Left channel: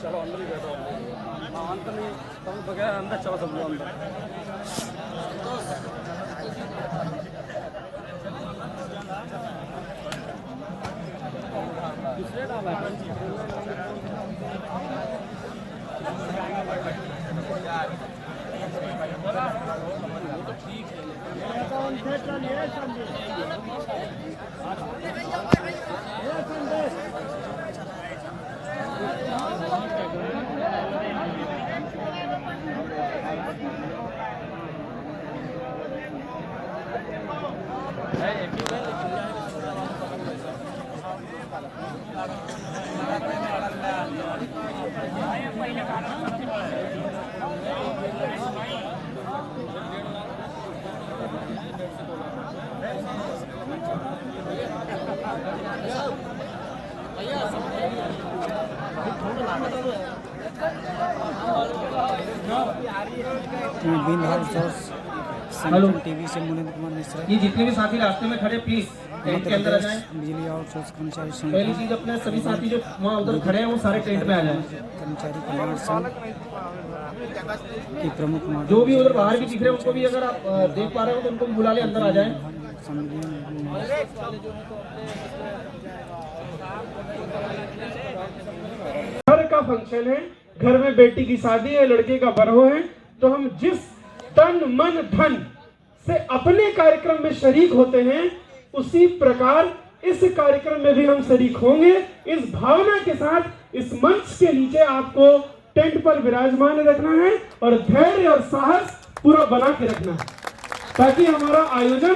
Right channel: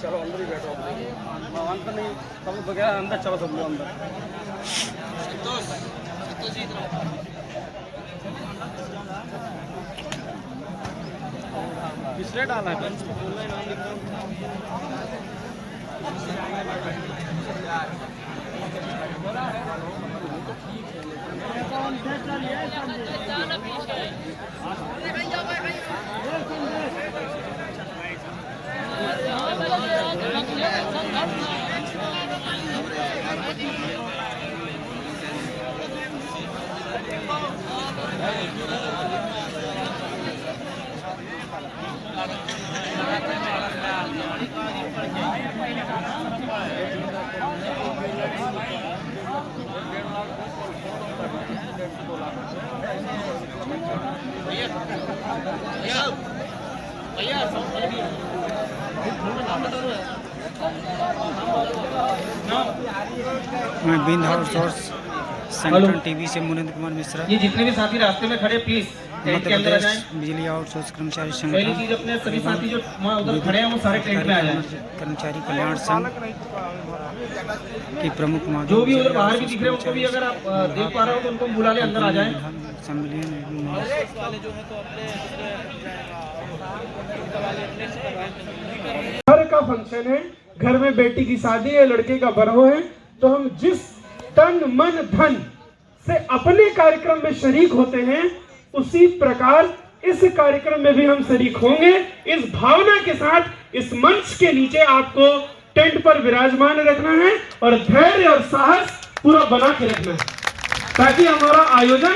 चलो अंदर ही बैठो, अंदर नहीं बगैर अंदर चलो सब लोग अंदर। पिछले डाला है तो ठीक मैं बिंद आउटसोर्स संगठन टीवी से मुनिंद्र कुमार मिश्रा। ये जितने भी साथी रास्ते में खड़े प्लीज टेंट के अंदर आ जाएं। बिजली आउटसोर्स कर्मचारी पहली संगठन चीज अपने सभी साथी जो वहाँ उधर खड़े हैं वो सारे टेंट में आ जाएं। कर्मचारी कल्याण संघ के प्रमुख जो भी उधर बाहर भी दिख रहे हैं उनको भी अगर आप देख पा रहे हो तो उनको बुला ले, अंदर आ जाएं। घर का फंक्शन है, घर में बेटी की शादी है, लड़के का बरहो है, तो हम जिस तन मन धन से अपने कार्यक्रम में शरीक होते हैं उसी प्रकार इस कार्यक्रम में भी हम शरीक होंगे। इस भावना के साथ इस मंच के नीचे आपको टेंट पर विराजमान रखना है और धैर्य और साहस पूरा बना के रखना है ताकि हमारा आयोजन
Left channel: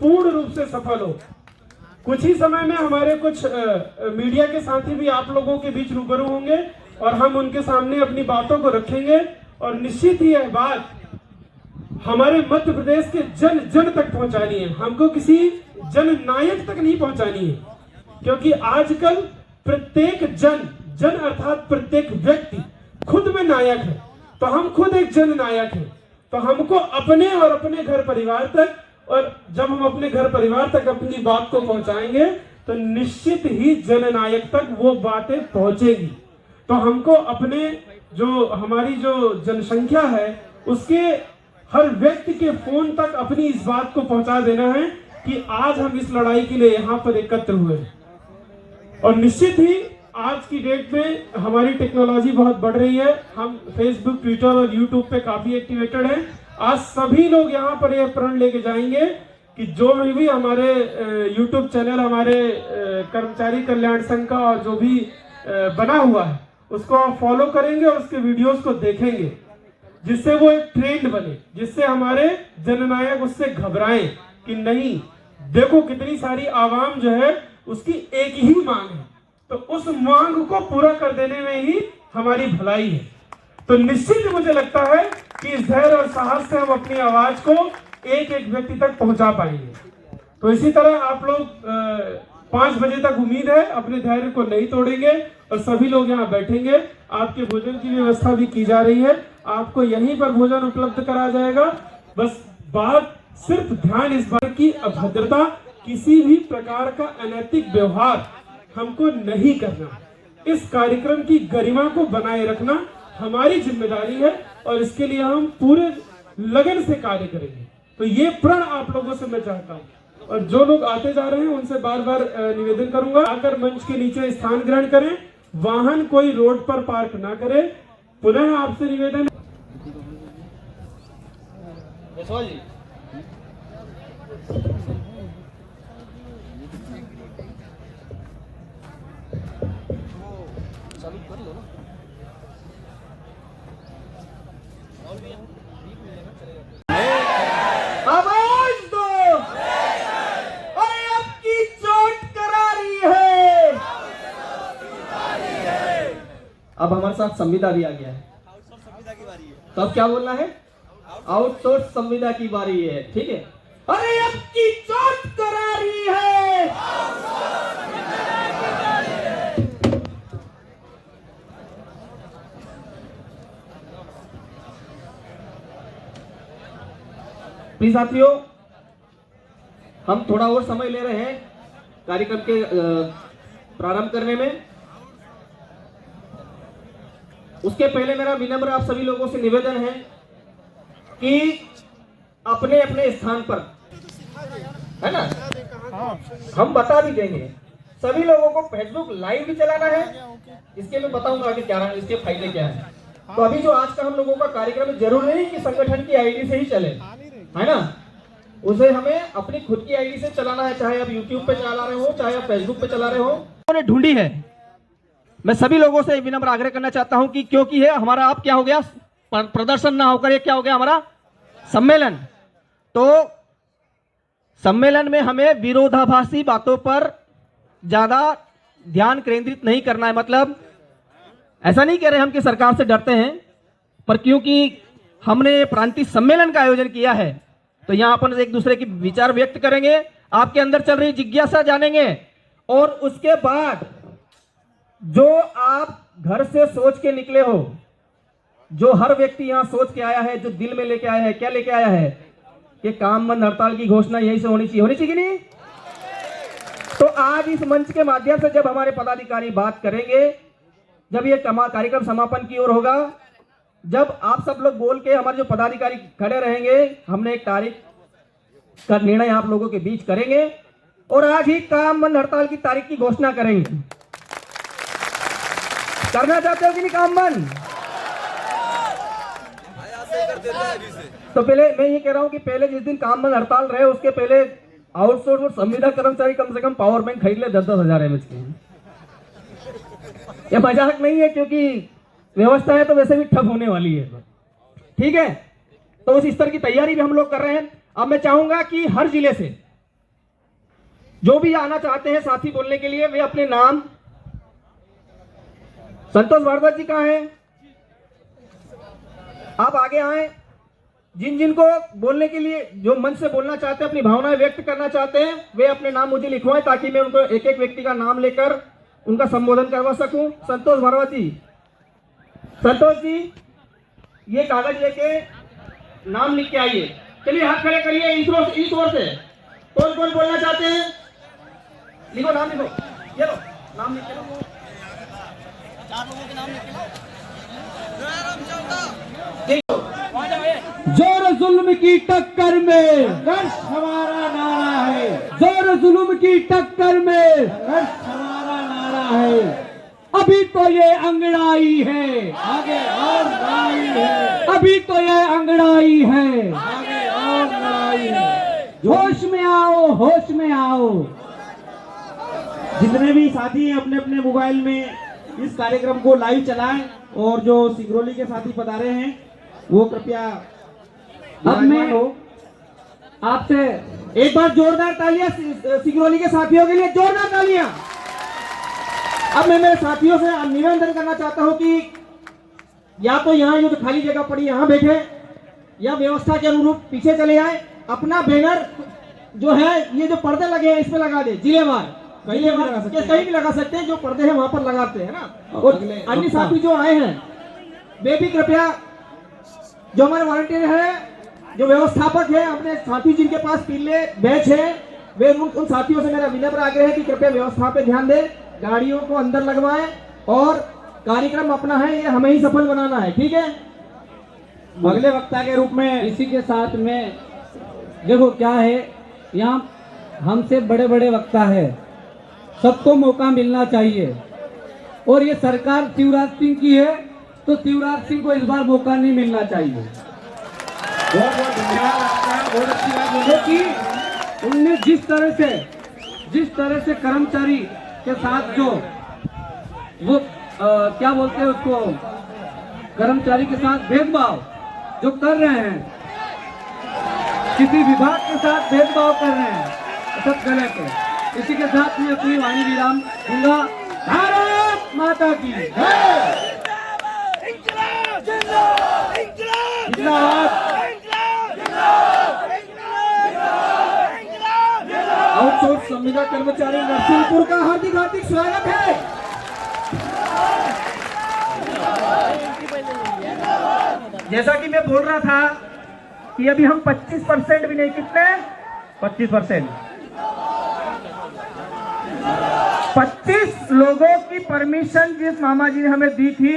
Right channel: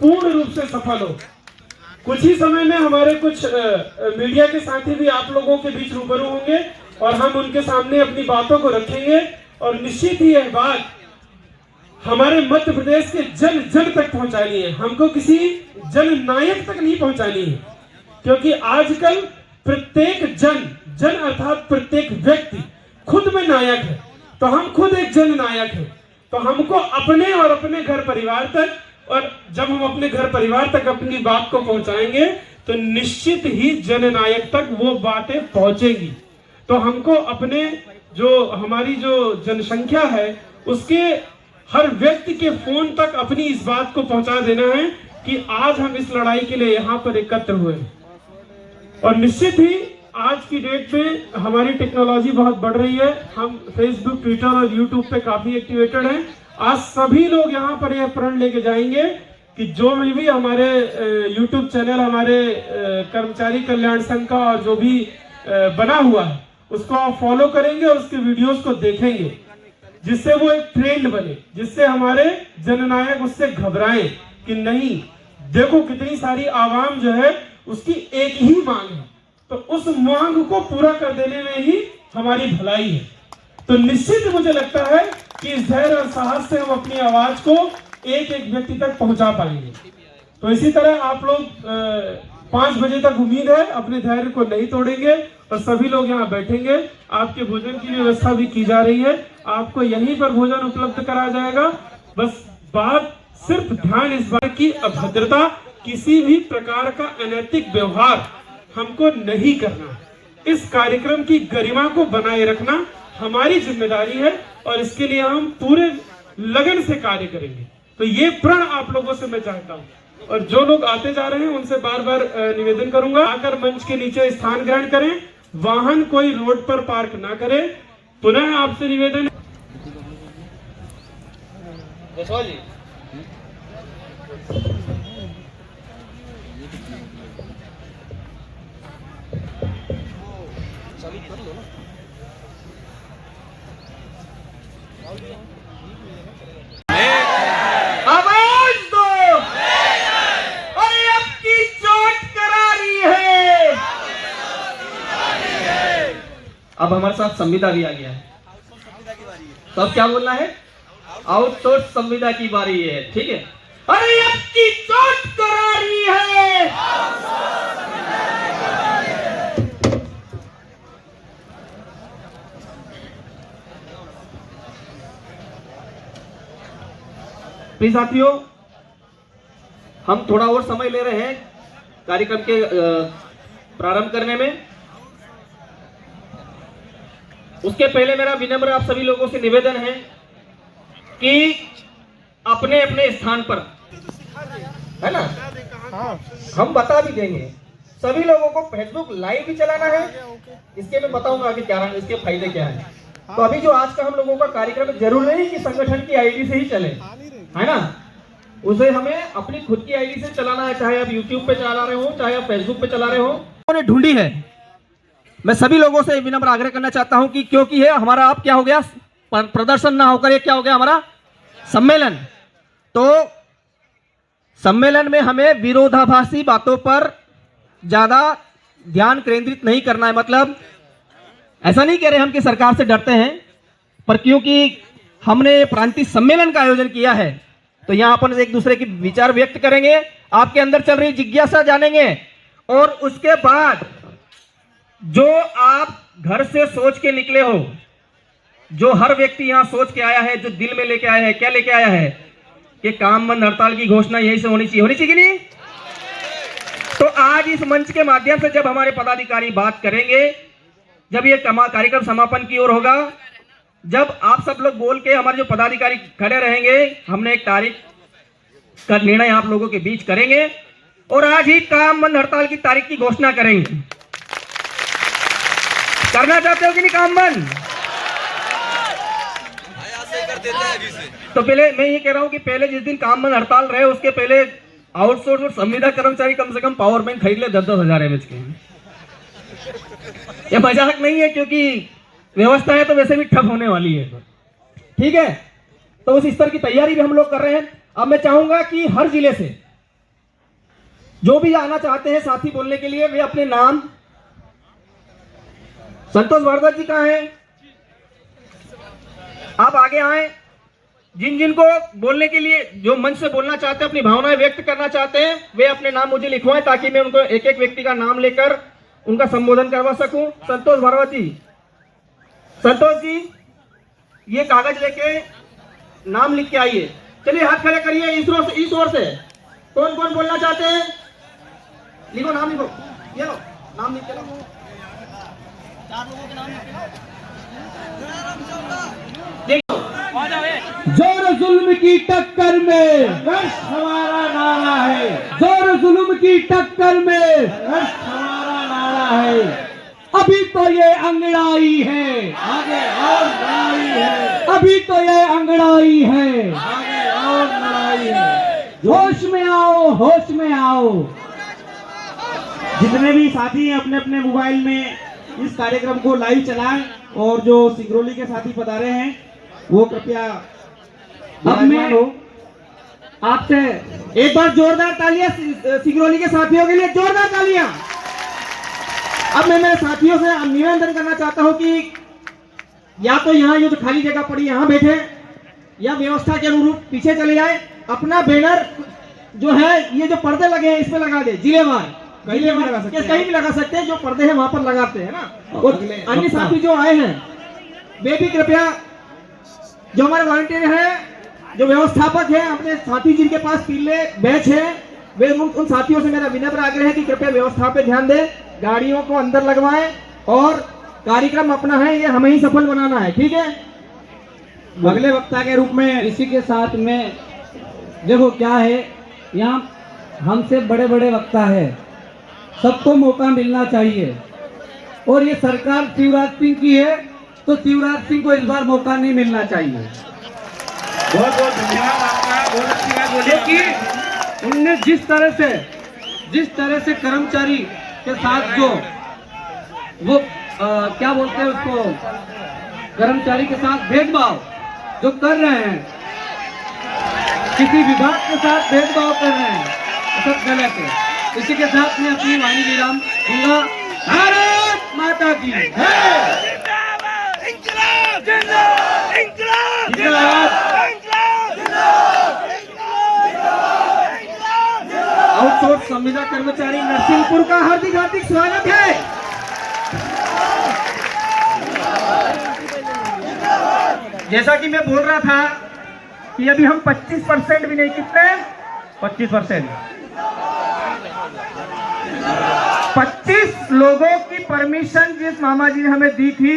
पूर्ण रूप से सफल हो। कुछ ही समय में हमारे कुछ मीडिया के साथी भी आप लोगों के बीच रूबरू होंगे और हम उनके सामने अपनी बातों को रखेंगे और निश्चित ही यह बात हमारे मध्य प्रदेश के जन जन तक पहुंचानी है। हमको किसी जन नायक तक नहीं पहुंचानी है, क्योंकि आजकल प्रत्येक जन अर्थात प्रत्येक व्यक्ति खुद में नायक है। तो हम खुद एक जन नायक है, तो हमको अपने और अपने घर परिवार तक, और जब हम अपने घर परिवार तक अपनी बात को पहुंचाएंगे तो निश्चित ही जननायक तक वो बातें पहुंचेगी। तो हमको अपने हमारी जो जनसंख्या है उसके हर व्यक्ति के फोन तक अपनी इस बात को पहुंचा देना है कि आज हम इस लड़ाई के लिए यहाँ पर एकत्र हुए हैं। और निश्चित ही आज की डेट में हमारी टेक्नोलॉजी बहुत बढ़ रही है। हम फेसबुक, ट्विटर और यूट्यूब पे काफी एक्टिवेटेड हैं। आज सभी लोग यहाँ पर यह प्रण लेके जाएंगे कि जो भी हमारे यूट्यूब चैनल हमारे कर्मचारी कल्याण संघ का और जो भी बना हुआ है उसको आप फॉलो करेंगे और उसके वीडियोस को देखेंगे, जिससे वो एक ट्रेंड बने, जिससे हमारे जननायक उससे घबराएं कि नहीं, देखो कितनी सारी आवाम जो है उसकी एक ही मांग है, तो उस मांग को पूरा कर देने में ही हमारी भलाई है। तो निश्चित मुझे लगता है कि इस धैर्य और साहस से हम अपनी आवाज को एक एक व्यक्ति तक पहुंचा पाएंगे। तो इसी तरह आप लोग 5 बजे तक उम्मीद है अपने धैर्य को नहीं तोड़ेंगे और सभी लोग यहाँ बैठेंगे। आपके भोजन की व्यवस्था भी की जा रही है, आपको यहीं पर भोजन उपलब्ध कराया जाएगा। बस बात सिर्फ ध्यान इस बात की अभद्रता, किसी भी प्रकार का अनैतिक व्यवहार हमको नहीं करना है। इस कार्यक्रम की गरिमा को बनाए रखना हमारी जिम्मेदारी है और इसके लिए हम पूरे लगन से कार्य करेंगे। तो ये प्रण आप लोगों से मैं चाहता हूँ, और जो लोग आते जा रहे हैं उनसे बार बार निवेदन करूंगा, आकर मंच के नीचे स्थान ग्रहण करें, वाहन कोई रोड पर पार्क ना करे। पुनः आपसे निवेदन। आवाज दो, अरे अब की चोट करारी है। अब हमारे साथ संविदा भी आ गया है, तो अब क्या बोलना है? आउटसोर्स संविदा की बारी है, ठीक है। अरे अब की चोट करारी है। प्लीज साथियों, हम थोड़ा और समय ले रहे हैं कार्यक्रम के प्रारंभ करने में। उसके पहले मेरा विनम्र आप सभी लोगों से निवेदन है कि अपने अपने स्थान पर, है ना, हम बता भी देंगे। सभी लोगों को फेसबुक लाइव भी चलाना है, इसके मैं बताऊंगा कि क्या इसके फायदे क्या है। तो अभी जो आज का हम लोगों का कार्यक्रम, जरूर नहीं कि संगठन की आईडी से ही चले, है ना, उसे हमें अपनी खुद की आईडी से चलाना है। चाहे आप यूट्यूब पे चला रहे हो, चाहे आप फेसबुक पे चला रहे हो, उन्होंने ढूंढी है। मैं सभी लोगों से विनम्र आग्रह करना चाहता हूं कि क्योंकि है हमारा आप क्या हो गया, प्रदर्शन ना होकर ये क्या हो गया हमारा सम्मेलन। तो सम्मेलन में हमें विरोधाभासी बातों पर ज्यादा ध्यान केंद्रित नहीं करना है। मतलब ऐसा नहीं कह रहे हम कि सरकार से डरते हैं, पर क्योंकि हमने प्रांतीय सम्मेलन का आयोजन किया है तो यहां अपन एक दूसरे के विचार व्यक्त करेंगे, आपके अंदर चल रही जिज्ञासा जानेंगे, और उसके बाद जो आप घर से सोच के निकले हो, जो हर व्यक्ति यहां सोच के आया है, जो दिल में लेके आया है, क्या लेके आया है कि काम बंद हड़ताल की घोषणा यही से होनी चाहिए कि नहीं। तो आज इस मंच के माध्यम से जब हमारे पदाधिकारी बात करेंगे, जब ये कार्यक्रम समापन की ओर होगा, जब आप सब लोग बोल के हमारे जो पदाधिकारी खड़े रहेंगे, हमने एक तारीख का निर्णय आप लोगों के बीच करेंगे और आज ही काम बंद हड़ताल की तारीख की घोषणा करेंगे। करना चाहते हो कि नहीं काम बंद? तो पहले मैं ये कह रहा हूं कि पहले जिस दिन काम बंद हड़ताल रहे उसके पहले आउटसोर्स और संविदा कर्मचारी कम से कम पावर बैंक खरीद ले 10-10 हजार एमएच के। ये मजाक नहीं है, क्योंकि व्यवस्था है तो वैसे भी ठप होने वाली है, ठीक है। तो उस स्तर की तैयारी भी हम लोग कर रहे हैं। अब मैं चाहूंगा कि हर जिले से जो भी आना चाहते हैं साथी बोलने के लिए, वे अपने नाम, संतोष भारद्वाज जी कहाँ हैं, आप आगे आए। जिन जिन को बोलने के लिए, जो मंच से बोलना चाहते हैं, अपनी भावनाएं व्यक्त करना चाहते हैं, वे अपने नाम मुझे लिखवाएं ताकि मैं उनको एक एक व्यक्ति का नाम लेकर उनका संबोधन करवा सकूं। संतोष भारद्वाज जी, संतोष जी ये कागज लेके नाम लिख के आइए। चलिए हाथ खड़े करिए इस ओर से। कौन कौन बोलना चाहते हैं? लिखो, नाम लिखो, ये लो नाम लिख के लो। जोर जुल्म की टक्कर में संघर्ष हमारा नारा है, जोर जुल्म की टक्कर में संघर्ष हमारा नारा है। अभी तो ये अंगड़ाई है, आगे और लड़ाई है, अभी तो ये अंगड़ाई है, आगे और लड़ाई है। होश में आओ, होश में आओ। जितने भी साथी हैं अपने अपने मोबाइल में इस कार्यक्रम को लाइव चलाएं, और जो सिंगरौली के साथी पधारे हैं वो कृपया। अब मैं आपसे एक बार जोरदार तालियां सिंगरौली के साथियों के लिए, जोरदार तालियां। अब मैं मेरे साथियों से निवेदन करना चाहता हूं कि या तो यहाँ ये जो खाली जगह पड़ी यहाँ बैठे, या व्यवस्था के अनुरूप पीछे चले जाए। अपना बैनर जो है, ये जो पर्दे लगे हैं इस पे लगा दे, जिलेवार कहीं भी लगा सकते हैं, जो पर्दे हैं वहां पर लगाते हैं ना। और अन्य साथी जो आए हैं वे भी कृपया, जो हमारे वॉलंटियर है, जो व्यवस्थापक है, अपने साथी जिनके पास पीले बैच है, वे उन साथियों से मेरा विनम्र आग्रह है कि कृपया व्यवस्था पे ध्यान दें, गाड़ियों को अंदर लगवाएं और कार्यक्रम अपना है, ये हमें ही सफल बनाना है, ठीक है। अगले वक्ता के रूप में इसी के साथ में देखो क्या है, यहाँ हमसे बड़े बड़े वक्ता है, सबको मौका मिलना चाहिए। और ये सरकार शिवराज सिंह की है, तो शिवराज सिंह को इस बार मौका नहीं मिलना चाहिए। बहुत बहुत धन्यवाद आपका, बहुत अच्छी बात बोली कि उनने जिस तरह से कर्मचारी के साथ जो वो क्या बोलते हैं उसको, कर्मचारी के साथ भेदभाव जो कर रहे हैं, किसी विभाग के साथ भेदभाव कर रहे हैं, ये सब गलत है। इसी के साथ मैं अपनी वाणी विराम दूंगा। भारत माता की जय। आउटसोर्स संविदा कर्मचारी नरसिंहपुर का हार्दिक हार्दिक स्वागत है। जैसा कि मैं बोल रहा था कि अभी हम 25% भी नहीं, कितने 25% 25 लोगों की परमिशन जिस मामा जी ने हमें दी थी,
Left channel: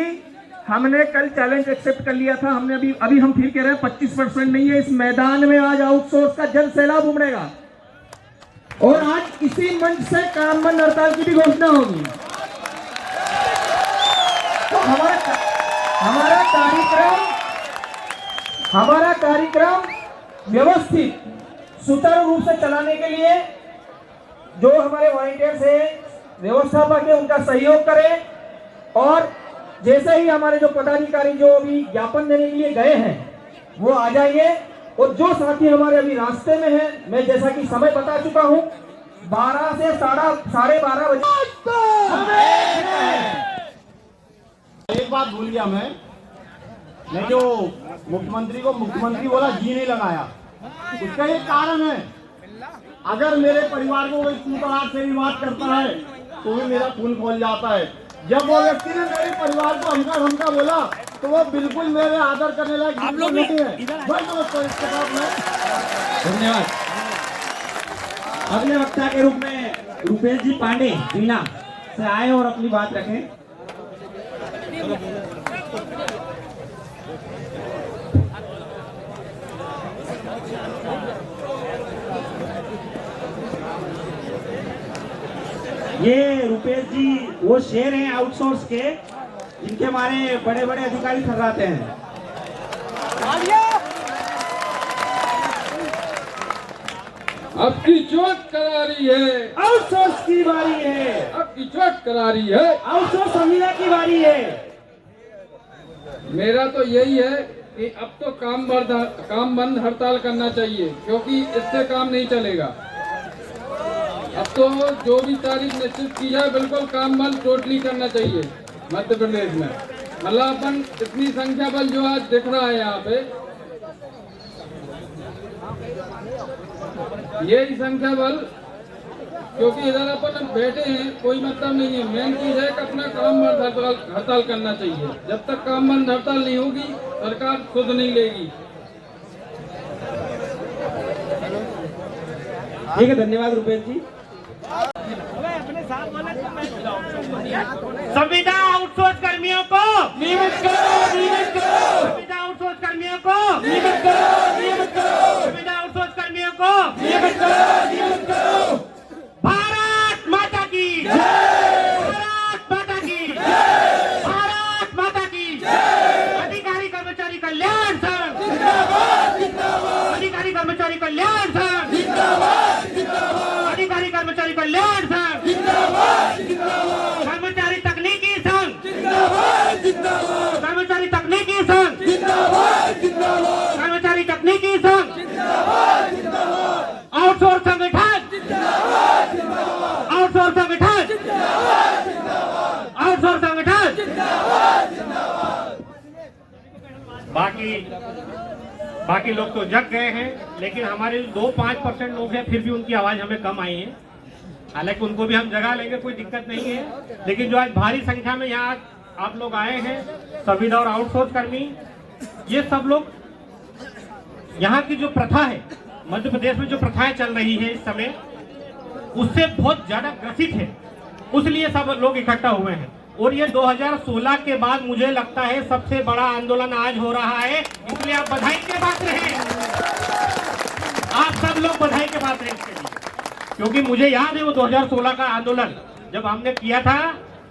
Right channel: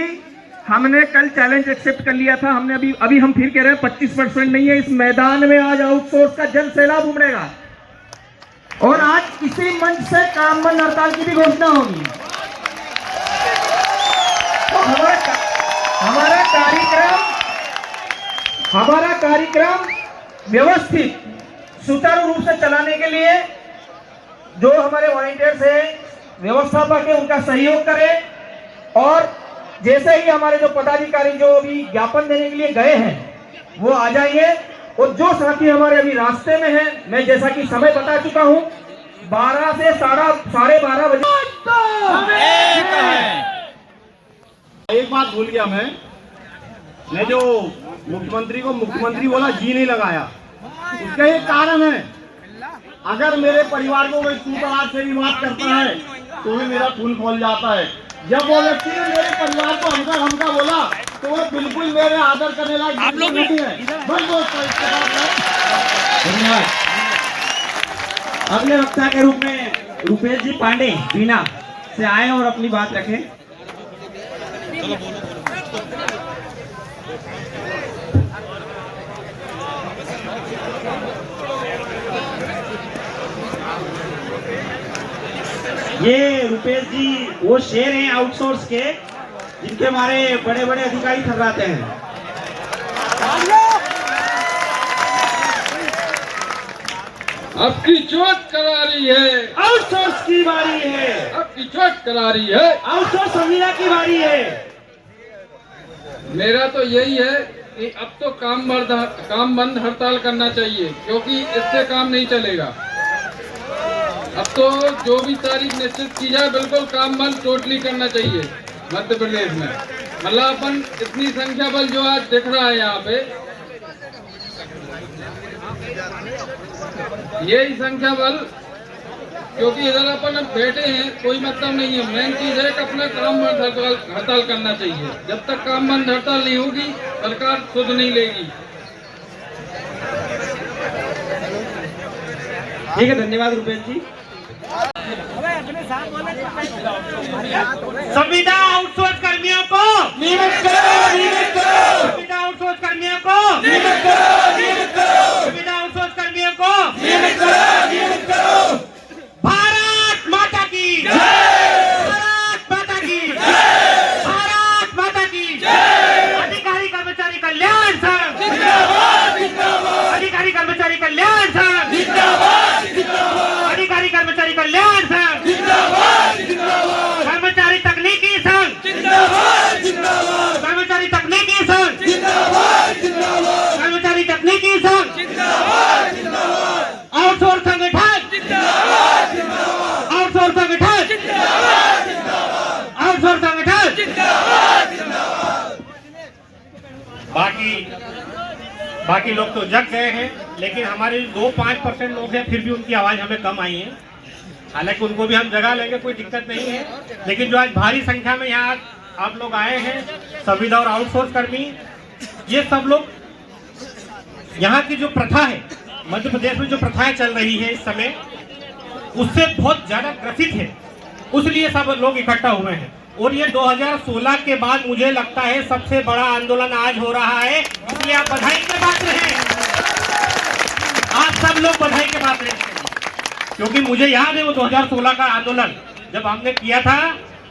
हमने कल चैलेंज एक्सेप्ट कर लिया था। हमने अभी हम फिर कह रहे हैं 25% नहीं है। इस मैदान में आज आउटसोर्स का जन सैलाब उमड़ेगा और आज इसी मंच से काम बंद हड़ताल की भी घोषणा होगी। तो हमारा कार्यक्रम व्यवस्थित सुचारू रूप से चलाने के लिए जो हमारे वॉलंटियर्स हैं, व्यवस्थापक है, उनका सहयोग करें। और जैसे ही हमारे जो पदाधिकारी जो अभी ज्ञापन देने के लिए गए हैं वो आ जाइए। और जो साथी हमारे अभी रास्ते में हैं, मैं जैसा कि समय बता चुका हूं, 12 से 12:30 बजे। एक बात भूल गया मैं जो मुख्यमंत्री को मुख्यमंत्री बोला, जी नहीं लगाया। उसका एक कारण है, अगर मेरे परिवार को कोई तू तड़ाक से भी बात करता है तो भी मेरा खून खोल जाता है। जब वो व्यक्ति ने मेरे परिवार को हमका बोला तो वो बिल्कुल मेरे आदर करने लायक नहीं है। धन्यवाद। अगले वक्ता के रूप में रुपेश जी पांडे बीना से आए और अपनी बात रखें। ये रुपेश जी वो शेर हैं आउटसोर्स के, जिनके हमारे बड़े बड़े अधिकारी थर्राते हैं। आपकी चोट करारी है, आउटसोर्स की बारी है, आपकी चोट करारी है, आउटसोर्स संविदा की बारी है। मेरा तो यही है कि अब तो काम बंद हड़ताल करना चाहिए, क्योंकि इससे काम नहीं चलेगा। अब तो जो भी तारीख निश्चित की जाए, बिल्कुल काम बंद टोटली करना चाहिए मध्य प्रदेश में। मतलब अपन इतनी संख्या बल जो आज दिख रहा है यहाँ पे, यही संख्या बल, क्योंकि इधर अपन अब बैठे हैं, कोई मतलब नहीं है। मेन चीज है कि अपना काम बंद हड़ताल करना चाहिए। जब तक काम बंद हड़ताल नहीं होगी, सरकार खुद नहीं लेगी। ठीक है, धन्यवाद रुपेश जी। संविदा आउटसोर्स कर्मियों को नियमित करो, नियमित करो। संविदा आउटसोर्स कर्मियों को नियमित करो, नियमित करो। संविदा आउटसोर्स कर्मियों को नियमित करो, नियमित करो। भारत माता की जय, भारत माता की जय, भारत माता की जय। अधिकारी कर्मचारी कल्याण संघ जिंदाबाद, जिंदाबाद। अधिकारी कर्मचारी कल्याण संघ जिंदाबाद, जिंदाबाद। अधिकारी कर्मचारी कल्याण संघ जिंदाबाद, जिंदाबाद। कर्मचारी तकनीकी संघ जिंदाबाद, जिंदाबाद। कर्मचारी तकनीकी संघ जिंदाबाद, जिंदाबाद। कर्मचारी तकनीकी संघ जिंदाबाद, जिंदाबाद। आउटसोर्स संगठन जिंदाबाद, जिंदाबाद। आउटसोर्स संगठन जिंदाबाद, जिंदाबाद। आउटसोर्स संगठन जिंदाबाद, जिंदाबाद। बाकी लोग तो जग गए हैं, लेकिन हमारे 2-5% लोग हैं, फिर भी उनकी आवाज हमें कम आई है। हालांकि उनको भी हम जगा लेंगे, कोई दिक्कत नहीं है। लेकिन जो आज भारी संख्या में यहाँ आप लोग आए हैं, संविदा और आउटसोर्स कर्मी, ये सब लोग यहाँ की जो प्रथा है, मध्य प्रदेश में जो प्रथाएं चल रही है इस समय, उससे बहुत ज्यादा ग्रसित है, उसलिए सब लोग इकट्ठा हुए हैं। और ये 2016 के बाद मुझे लगता है सबसे बड़ा आंदोलन आज हो रहा है, इसलिए आप बधाई के पात्र हैं। आप सब लोग बधाई के पात्र हैं, क्योंकि मुझे याद है वो 2016 का आंदोलन जब हमने किया था,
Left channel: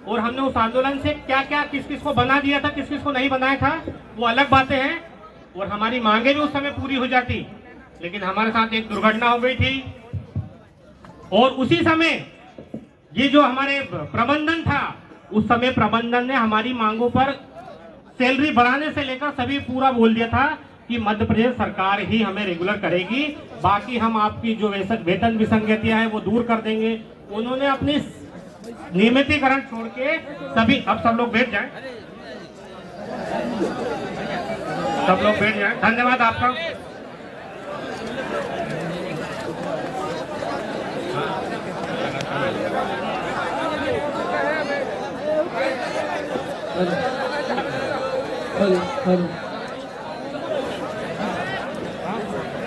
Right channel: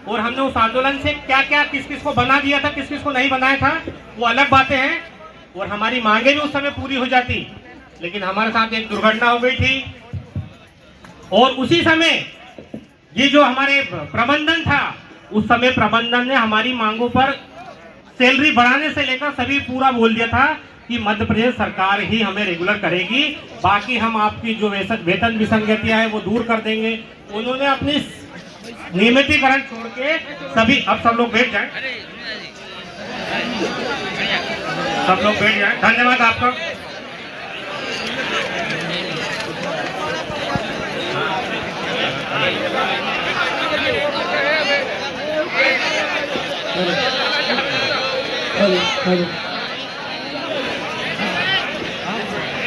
और हमने उस आंदोलन से क्या क्या किस किस को बना दिया था, किस किस को नहीं बनाया था, वो अलग बातें हैं। और हमारी मांगे भी उस समय पूरी हो जाती, लेकिन हमारे साथ एक दुर्घटना हो गई थी। और उसी समय ये जो हमारे प्रबंधन था, उस समय प्रबंधन ने हमारी मांगों पर सैलरी बढ़ाने से लेकर सभी पूरा बोल दिया था कि मध्य प्रदेश सरकार ही हमें रेगुलर करेगी, बाकी हम आपकी जो वेतन विसंगतियां है वो दूर कर देंगे। उन्होंने अपनी नियमितीकरण छोड़ के सभी, अब सब लोग बैठ जाएं, सब लोग बैठ जाएं। धन्यवाद आपका।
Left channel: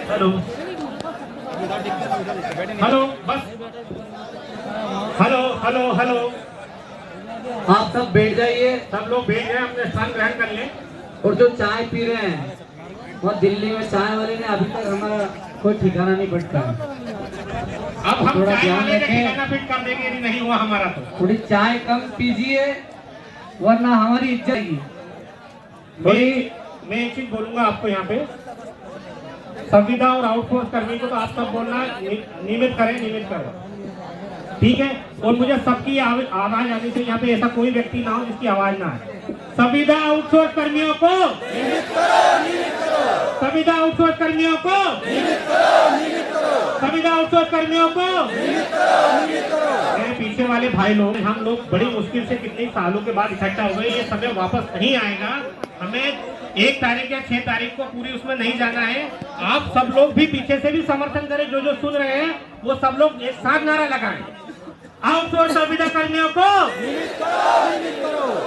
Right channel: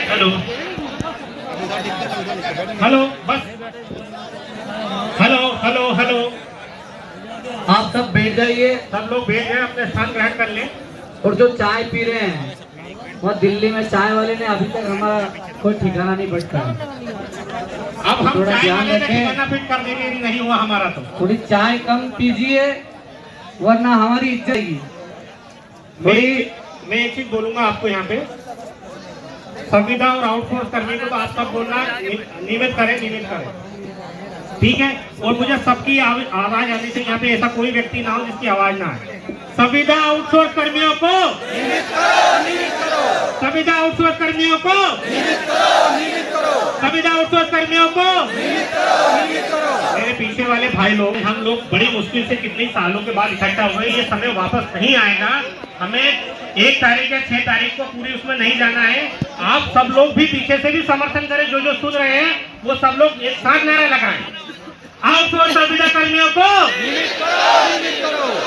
हेलो हेलो बस हेलो हेलो हेलो आप सब बैठ जाइए सब लोग बैठ गए, अपने स्थान ग्रहण कर लें। और जो चाय पी रहे हैं, वह दिल्ली में चाय वाले ने अभी तक हमारा कोई ठिकाना नहीं पड़ता। अब हम थोड़ा चाय ध्यान वाले का रखें। ठिकाना फिट कर देंगे, यदि नहीं हुआ हमारा तो। थोड़ी चाय कम पीजिए, वरना हमारी इज्जत जाएगी। मैं एक चीज बोलूंगा आपको, यहाँ पे संविदा और आउटसोर्स करने को तो आप सब बोलना नियमित करें, ठीक है। और मुझे सबकी आवाज आनी चाहिए, यहाँ पे ऐसा कोई व्यक्ति ना हो जिसकी आवाज ना आए। संविदा आउटसोर्स कर्मियों को, संविदा आउटसोर्स कर्मियों को, संविदा आउटसोर्स कर्मियों को। मेरे पीछे वाले भाई लोग, हम लोग बड़ी मुश्किल से कितने सालों के बाद इकट्ठा हुए, ये समय वापस नहीं आएगा। हमें 1 तारीख या 6 तारीख को पूरी उसमें नहीं जाना है। आप सब लोग भी पीछे से भी समर्थन करें, जो जो सुन रहे हैं वो सब लोग एक साथ नारा लगाएं। आउटसोर्स संविदा कर्मियों को,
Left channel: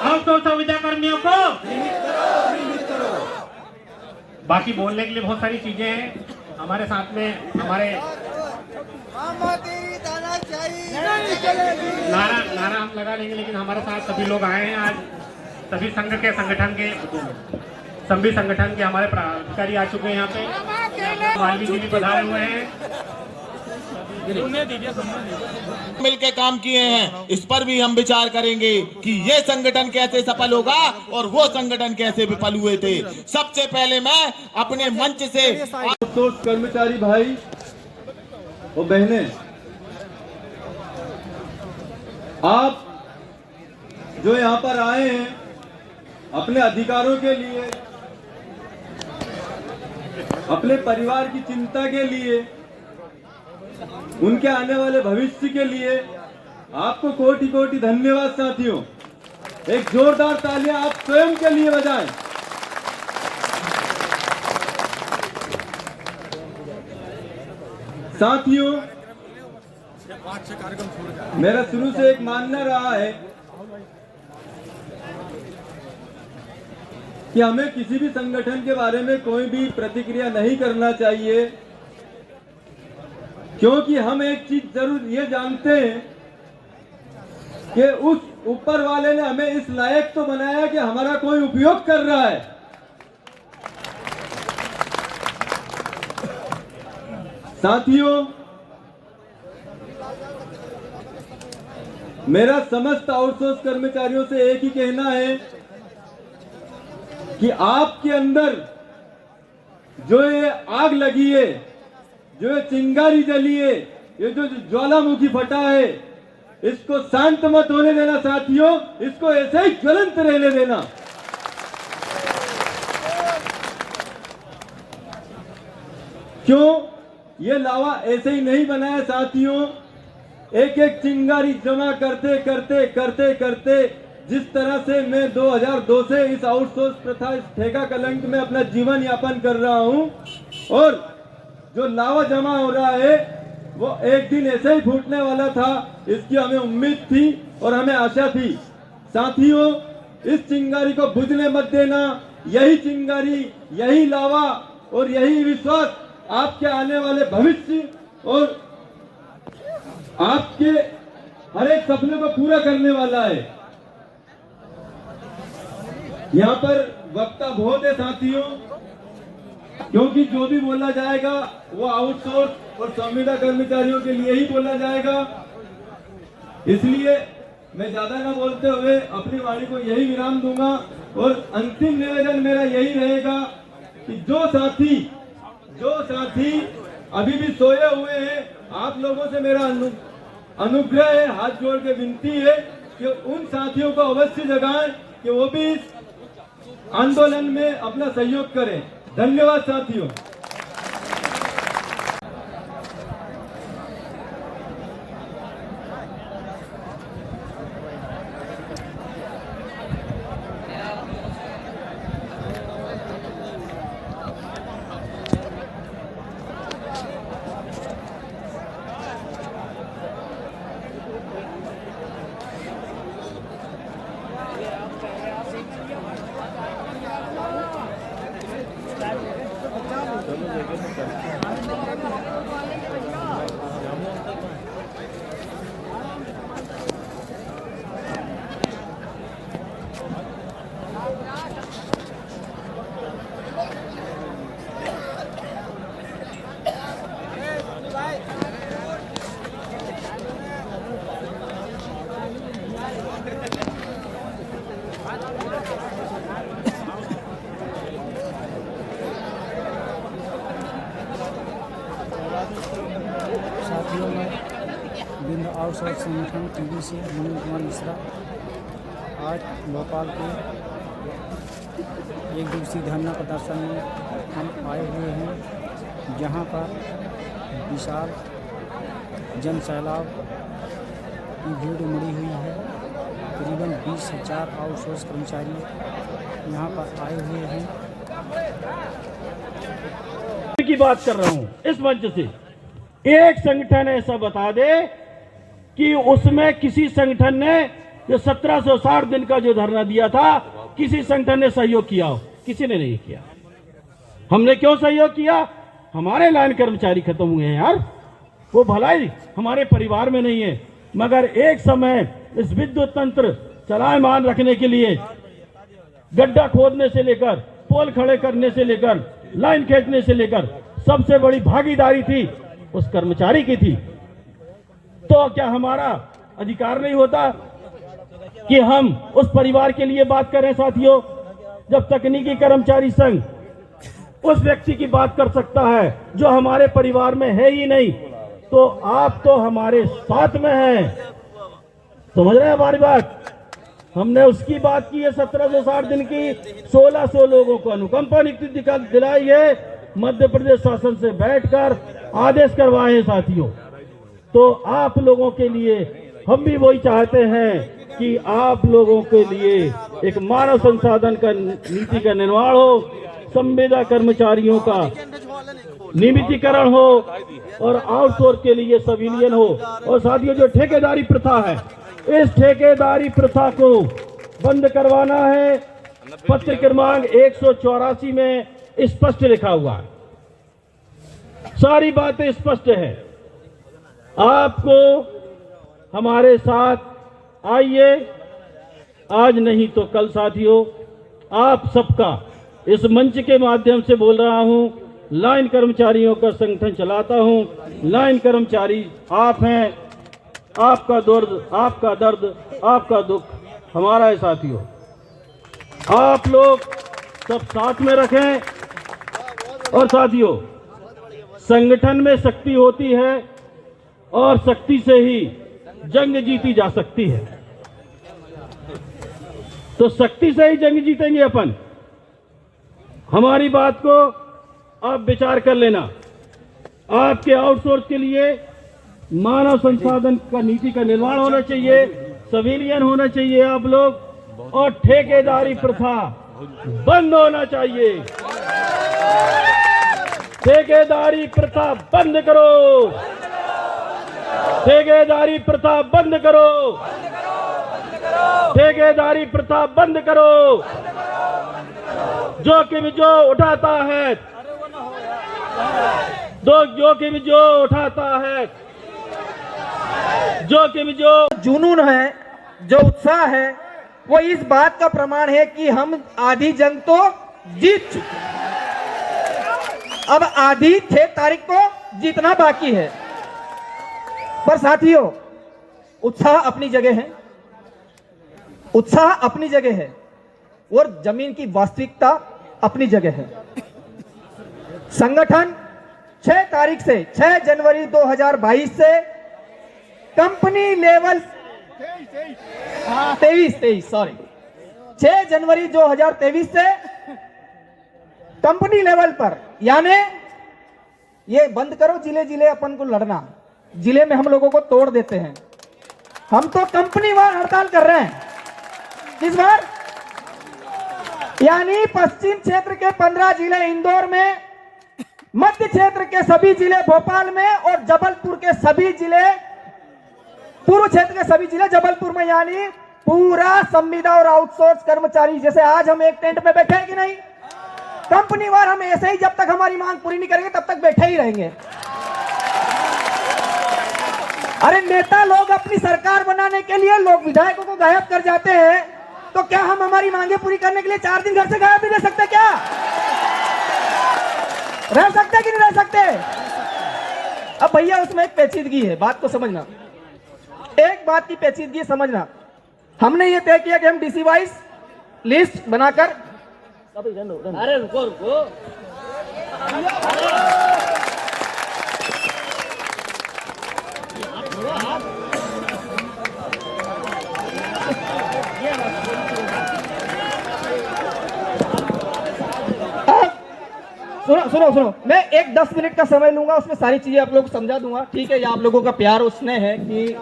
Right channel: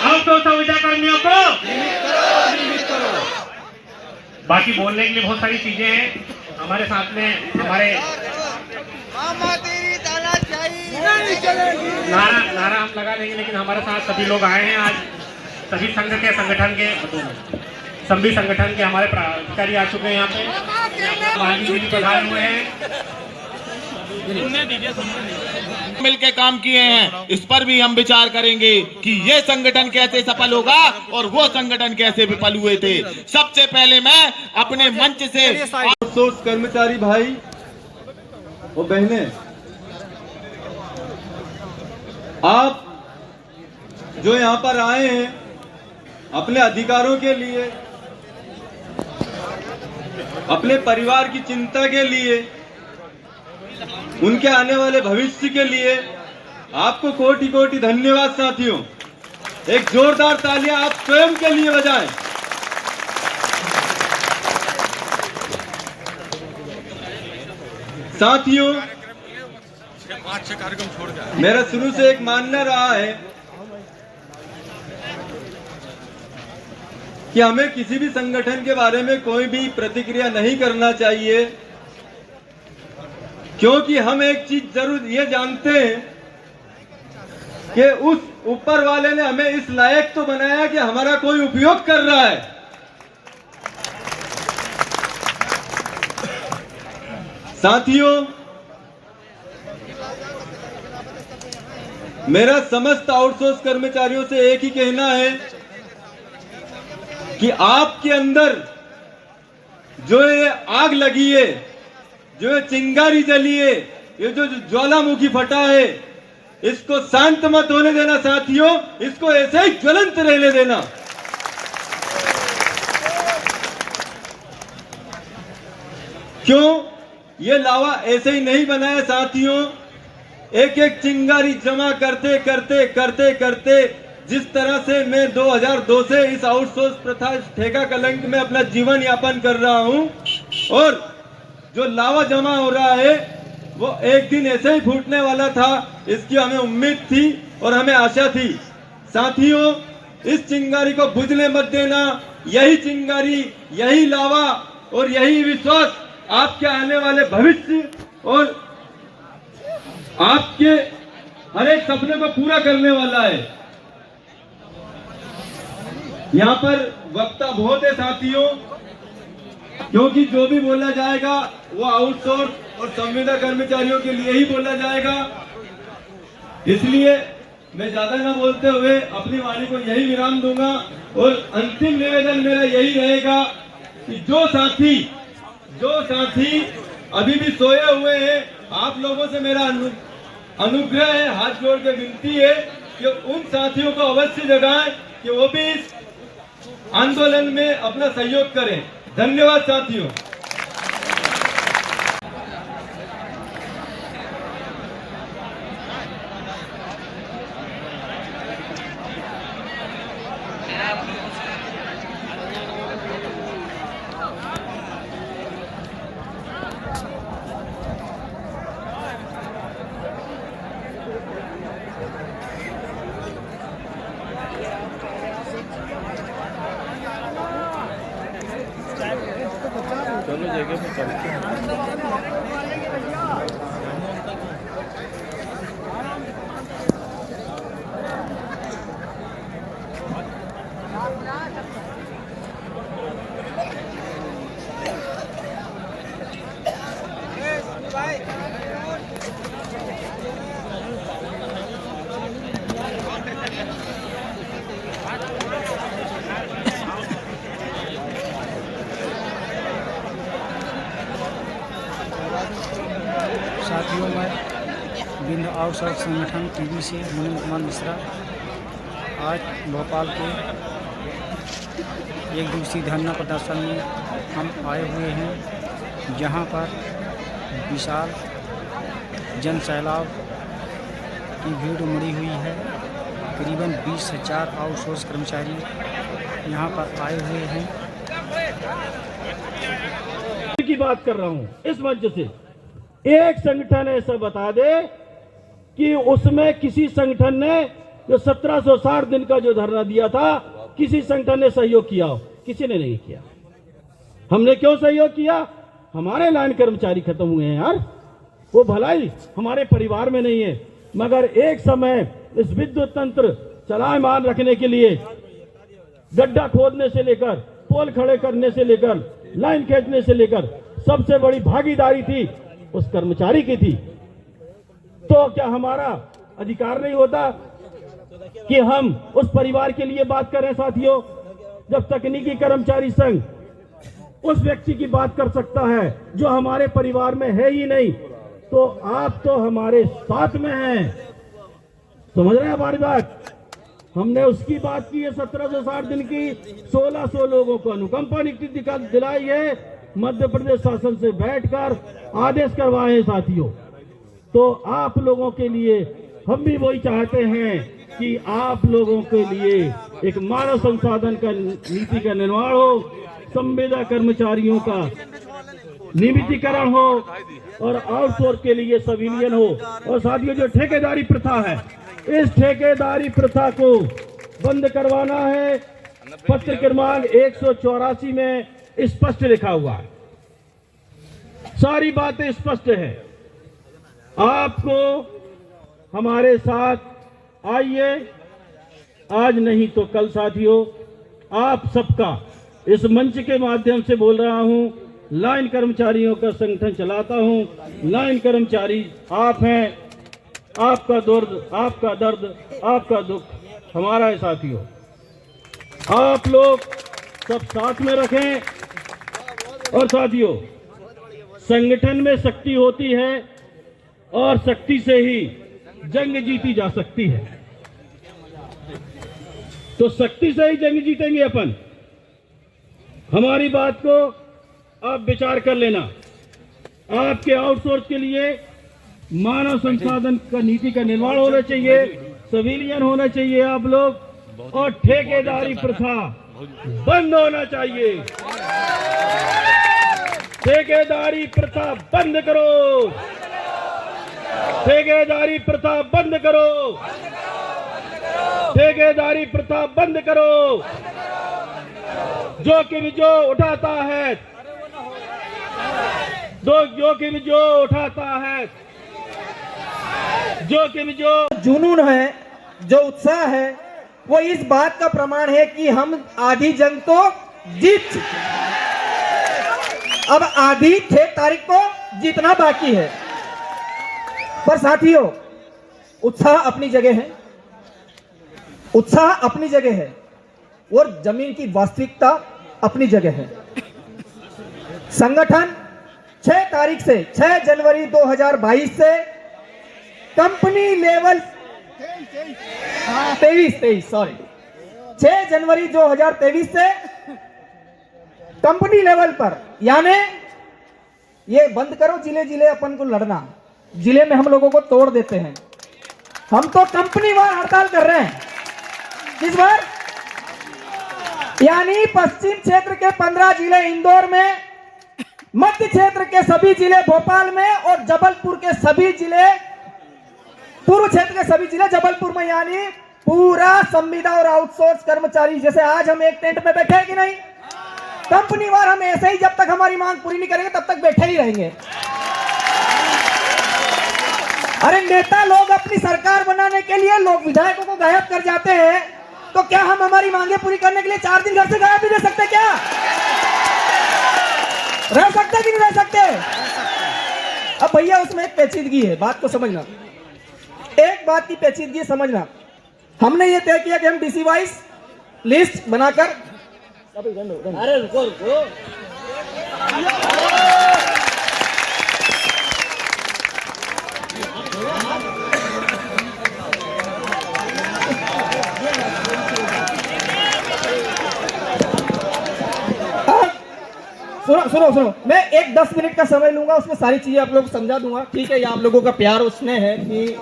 आउटसोर्स संविदा कर्मियों को। बाकी बोलने के लिए बहुत सारी चीजें हैं हमारे साथ में। हमारे नारा हम लगा देंगे, लेकिन हमारे साथ सभी लोग आए हैं आज। सभी सभी संगठन के हमारे पदाधिकारी आ चुके हैं यहाँ पे। वाल्मीकि जी प्रधान हुए हैं, मिलकर काम किए हैं। इस पर भी हम विचार करेंगे कि ये संगठन कैसे सफल होगा और वो संगठन कैसे विफल हुए थे। सबसे पहले मैं अपने मंच से आउटसोर्स कर्मचारी भाई और बहनें, आप जो यहाँ पर आए हैं अपने अधिकारों के लिए, अपने परिवार की चिंता के लिए, उनके आने वाले भविष्य के लिए, आपको कोटि कोटि धन्यवाद साथियों। एक जोरदार तालियां आप स्वयं के लिए बजाएं। साथियों, मेरा शुरू से एक मानना रहा है कि हमें किसी भी संगठन के बारे में कोई भी प्रतिक्रिया नहीं करना चाहिए, क्योंकि हम एक चीज जरूर ये जानते हैं कि उस ऊपर वाले ने हमें इस लायक तो बनाया कि हमारा कोई उपयोग कर रहा है। साथियों, मेरा समस्त आउटसोर्स कर्मचारियों से एक ही कहना है कि आपके अंदर जो ये आग लगी है, जो ये चिंगारी जली है, ये जो ज्वालामुखी फटा है, इसको शांत मत होने देना साथियों, इसको ऐसे ही ज्वलंत रहने देना। क्यों? ये लावा ऐसे ही नहीं बना है साथियों। एक एक चिंगारी जमा करते करते करते करते जिस तरह से मैं 2002 से इस आउटसोर्स प्रथा ठेका कलंक में अपना जीवन यापन कर रहा हूं, और जो लावा जमा हो रहा है वो एक दिन ऐसे ही फूटने वाला था, इसकी हमें उम्मीद थी और हमें आशा थी। साथियों, इस चिंगारी को बुझने मत देना। यही चिंगारी, यही लावा और यही विश्वास आपके आने वाले भविष्य और आपके हर एक सपने को पूरा करने वाला है। यहाँ पर वक्ता बहुत है साथियों, क्योंकि जो भी बोला जाएगा वो आउटसोर्स और संविदा कर्मचारियों के लिए ही बोला जाएगा। इसलिए मैं ज्यादा न बोलते हुए अपनी वाणी को यही विराम दूंगा और अंतिम निवेदन मेरा यही रहेगा कि जो साथी अभी भी सोए हुए हैं, आप लोगों से मेरा अनुग्रह है, हाथ जोड़ के विनती है कि उन साथियों को अवश्य जगाएं कि वो भी इस आंदोलन में अपना सहयोग करें। धन्यवाद साथियों। साथियों, मैं बिंद आउटसोर्स संगठन टीवी से मुनींद्र कुमार मिश्रा आज भोपाल के एक दिवसीय धरना प्रदर्शन में हम आए हुए हैं, जहां पर विशाल जन सैलाब की भीड़ उमड़ी हुई है। करीबन 20,000 आउटसोर्स कर्मचारी यहां पर आए हुए हैं। की बात कर रहा हूं इस मंच से। एक संगठन ऐसा बता दे कि उसमें किसी संगठन ने जो 1760 दिन का जो धरना दिया था, किसी संगठन ने सहयोग किया हो? किसी ने नहीं किया। हमने क्यों सहयोग किया? हमारे लाइन कर्मचारी खत्म हुए हैं यार, वो भलाई हमारे परिवार में नहीं है। मगर एक समय इस विद्युत तंत्र चलायमान रखने के लिए गड्ढा खोदने से लेकर, पोल खड़े करने से लेकर, लाइन खींचने से लेकर सबसे बड़ी भागीदारी थी उस कर्मचारी की थी। तो क्या हमारा अधिकार नहीं होता कि हम उस परिवार के लिए बात करें? साथियों, जब तकनीकी कर्मचारी संघ उस व्यक्ति की बात कर सकता है जो हमारे परिवार में है ही नहीं, तो आप तो हमारे साथ में हैं। समझ रहे हैं हमारी बात? हमने उसकी बात की है 1760 दिन की, 1600 लोगों को अनुकंपा नियुक्ति दिलाई है, मध्य प्रदेश शासन से बैठकर आदेश करवाए हैं। साथियों, तो आप लोगों के लिए हम भी वही चाहते हैं कि आप लोगों के लिए एक मानव संसाधन का नीति का निर्माण हो, संविदा कर्मचारियों का नियमितीकरण हो और आउटसोर्स के लिए सिविलियन हो। और साथियों, जो ठेकेदारी प्रथा है, इस ठेकेदारी प्रथा को बंद करवाना है। पत्र क्रमांक 184 में स्पष्ट लिखा हुआ है, सारी बातें स्पष्ट है। आपको हमारे साथ आइए, आज नहीं तो कल। साथियों, आप सबका इस मंच के माध्यम से बोल रहा हूं, लाइन कर्मचारियों का संगठन चलाता हूं। लाइन कर्मचारी आप हैं, आपका दर्द, आपका दुख हमारा है। साथियों, आप लोग सब साथ में रखें। और साथियों, संगठन में शक्ति होती है और शक्ति से ही जंग जीती जा सकती है। तो शक्ति से ही जंग जीतेंगे अपन। हमारी बात को आप विचार कर लेना। आपके आउटसोर्स के लिए मानव संसाधन का नीति का निर्माण होना चाहिए, सिविलियन होना चाहिए आप लोग, और ठेकेदारी प्रथा बंद होना चाहिए। ठेकेदारी प्रथा बंद करो, ठेकेदारी प्रथा बंद करो, ठेकेदारी प्रथा बंद करो। जोखिम जो उठाता है, जोखिम जो उठाता है, जोखिम जो जुनून है, जो उत्साह है, वो इस बात का प्रमाण है कि हम आधी जंग तो जीत चुके हैं। अब आधी 6 तारीख को जीतना बाकी है। पर साथियों, उत्साह अपनी जगह है, उत्साह अपनी जगह है और जमीन की वास्तविकता अपनी जगह है। संगठन 6 तारीख से 6 जनवरी 2022 से कंपनी लेवल 6 जनवरी 2023 से कंपनी लेवल पर, यानी ये बंद करो जिले जिले अपन को लड़ना, जिले में हम लोगों को तोड़ देते हैं। हम तो कंपनी वार हड़ताल कर रहे हैं। किस बार? यानी पश्चिम क्षेत्र के 15 जिले इंदौर में, मध्य क्षेत्र के सभी जिले भोपाल में और जबलपुर के सभी जिले, पूर्व क्षेत्र के सभी जिले जबलपुर में, यानी पूरा संविदा और आउटसोर्स कर्मचारी, जैसे आज हम एक टेंट में बैठे हैं कि नहीं, कंपनी वार हम ऐसे ही जब तक हमारी मांग पूरी नहीं करेंगे तब तक बैठे ही रहेंगे। अरे नेता लोग अपनी सरकार बनाने के लिए लोग विधायकों को गायब कर जाते हैं, तो क्या हम हमारी मांगे पूरी करने के लिए 4 दिन घर से गायब नहीं रह सकते? क्या रह सकते कि नहीं रह सकते? अब भैया उसमें एक पेचीदगी है, बात को समझना, एक बात की पेचीदगी समझना। हमने ये तय किया कि हम डीसी वाइज लिस्ट बनाकर, अरे रुको रुको, सुनो, मैं एक 10 मिनट का समय लूंगा, उसमें सारी चीजें आप लोग को समझा दूंगा, ठीक है? ये आप लोगों का प्यार उसमें है कि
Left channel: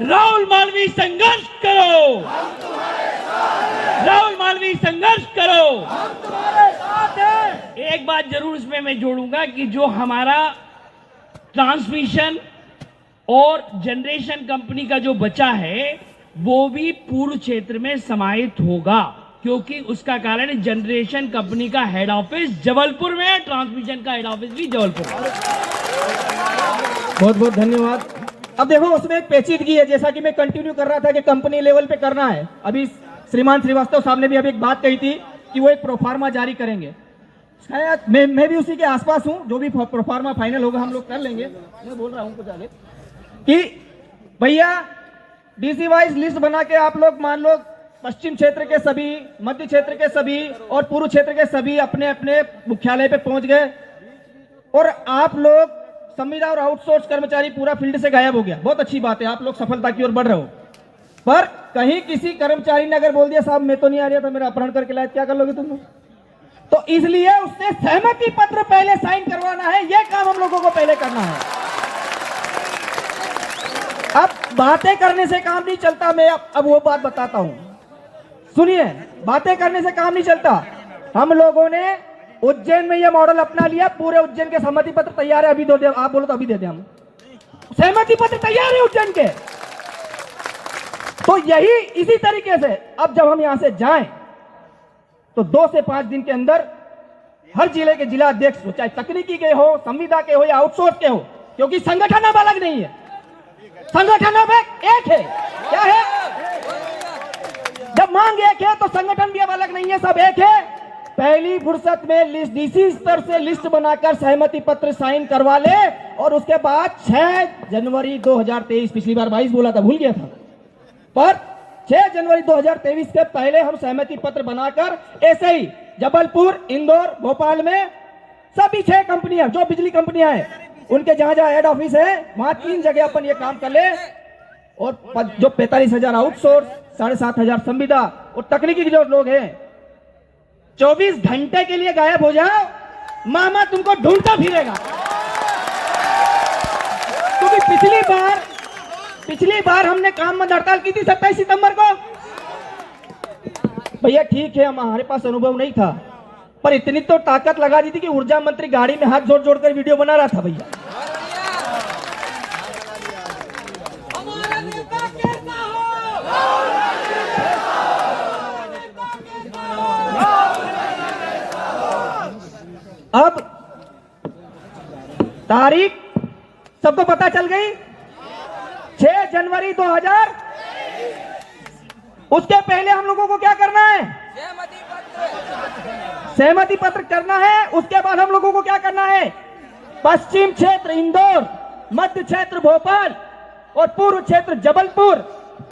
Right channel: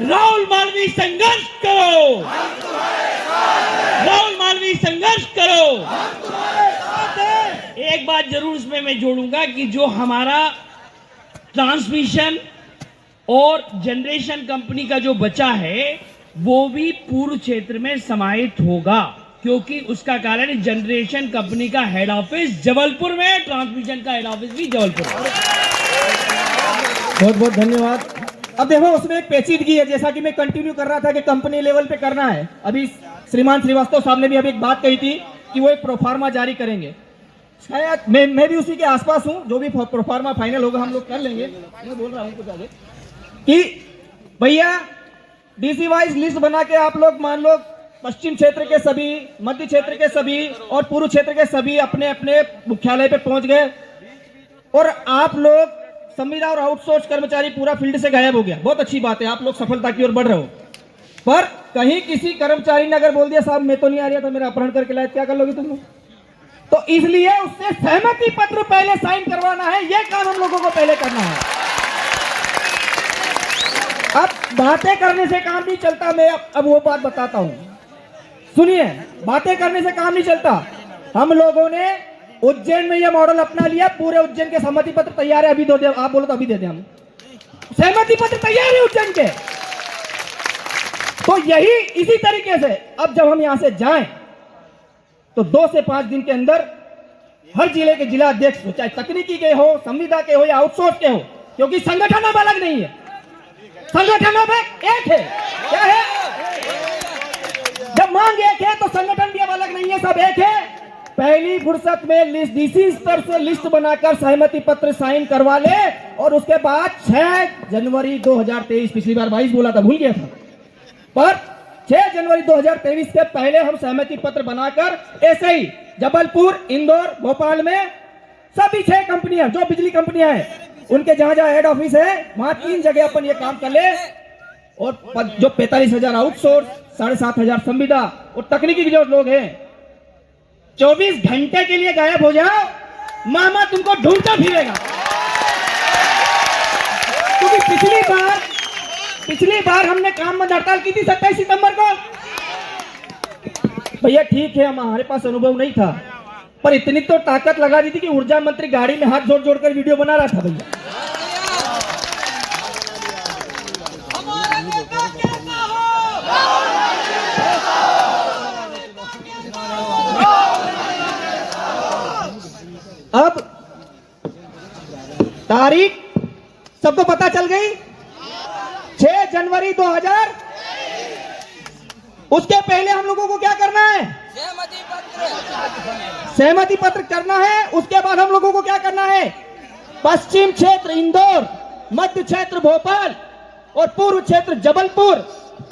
राहुल मालवीय संघर्ष करो, राहुल मालवीय संघर्ष करो। एक बात जरूर इसमें मैं जोड़ूंगा कि जो हमारा ट्रांसमिशन और जनरेशन कंपनी का जो बचा है वो भी पूर्व क्षेत्र में समाहित होगा, क्योंकि उसका कारण जनरेशन कंपनी का हेड ऑफिस जबलपुर में है, ट्रांसमिशन का हेड ऑफिस भी जबलपुर में। बहुत बहुत धन्यवाद। अब देखो उसमें एक पेचीदगी है, जैसा कि मैं कंटिन्यू कर रहा था कि कंपनी लेवल पे करना है। अभी श्रीमान श्रीवास्तव साहब ने भी अभी एक बात कही थी कि वो एक प्रोफार्मा जारी करेंगे, शायद मैं भी उसी के आसपास हूं, जो भी प्रोफार्मा फाइनल होगा हम लोग कर लेंगे। मैं बोल रहा हूं कुछ आगे कि भैया डीसी वाइज लिस्ट बना के आप लोग मान लो पश्चिम क्षेत्र के सभी, मध्य क्षेत्र के सभी और पूर्व क्षेत्र के सभी अपने अपने मुख्यालय पे पहुंच गए और आप लोग संविदा और आउटसोर्स कर्मचारी पूरा फील्ड से गायब हो गया। बहुत अच्छी बात है, आप लोग सफलता की ओर बढ़ रहे हो। पर कहीं किसी कर्मचारी ने अगर बोल दिया साहब मैं तो नहीं आ रहा था, मेरा अपहरण करके लाया, क्या कर लोगे तुम लोग? तो इसलिए उससे सहमति पत्र पहले साइन करवाना है, यह काम हम लोगों को पहले करना है। अब बातें करने से काम नहीं चलता, मैं अब वो बात बताता हूं, सुनिए। बातें करने से काम नहीं चलता। हम लोगों ने उज्जैन में यह मॉडल अपना लिया, पूरे उज्जैन के सहमति पत्र तैयार है, अभी दो दे, आप बोलो तो अभी दे दे, हम सहमति पत्र तैयार है उज्जैन के। तो यही इसी तरीके से अब जब हम यहां से जाएं तो 2 से 5 दिन के अंदर हर जिले के जिला अध्यक्ष, चाहे तकनीकी के हो, संविदा के हो या आउटसोर्स के हो, क्योंकि संगठन अब अलग नहीं है, संगठन अब एक है। क्या है? जब मांग एक है तो संगठन भी अब अलग नहीं है, सब एक है। पहली फुर्सत में लिस्ट डीसी स्तर से लिस्ट बनाकर सहमति पत्र साइन करवा ले और उसके बाद 6 जनवरी 2023, पिछली बार 22 बोला था, भूल गया था, पर 6 जनवरी 2023 के पहले हम सहमति पत्र बनाकर ऐसे ही जबलपुर, इंदौर, भोपाल में सभी 6 कंपनियां जो बिजली कंपनियां हैं उनके जहां जहां हेड ऑफिस है वहां 3 जगह अपन ये काम कर ले और जो 45,000 आउटसोर्स, 7,500 संविदा और तकनीकी जो लोग हैं 24 घंटे के लिए गायब हो जाओ, मामा तुमको ढूंढता फिरेगा। क्योंकि पिछली बार हमने काम बंद हड़ताल की थी 27 सितंबर को। भैया ठीक है, हमारे पास अनुभव नहीं था, पर इतनी तो ताकत लगा दी थी कि ऊर्जा मंत्री गाड़ी में हाथ जोड़ जोड़ कर वीडियो बना रहा था। भैया अब तारीख सबको पता चल गई, जनवरी 2000, उसके पहले हम लोगों को क्या करना है? सहमति पत्र करना है। उसके बाद हम लोगों को क्या करना है? पश्चिम क्षेत्र इंदौर, मध्य क्षेत्र भोपाल और पूर्व क्षेत्र जबलपुर,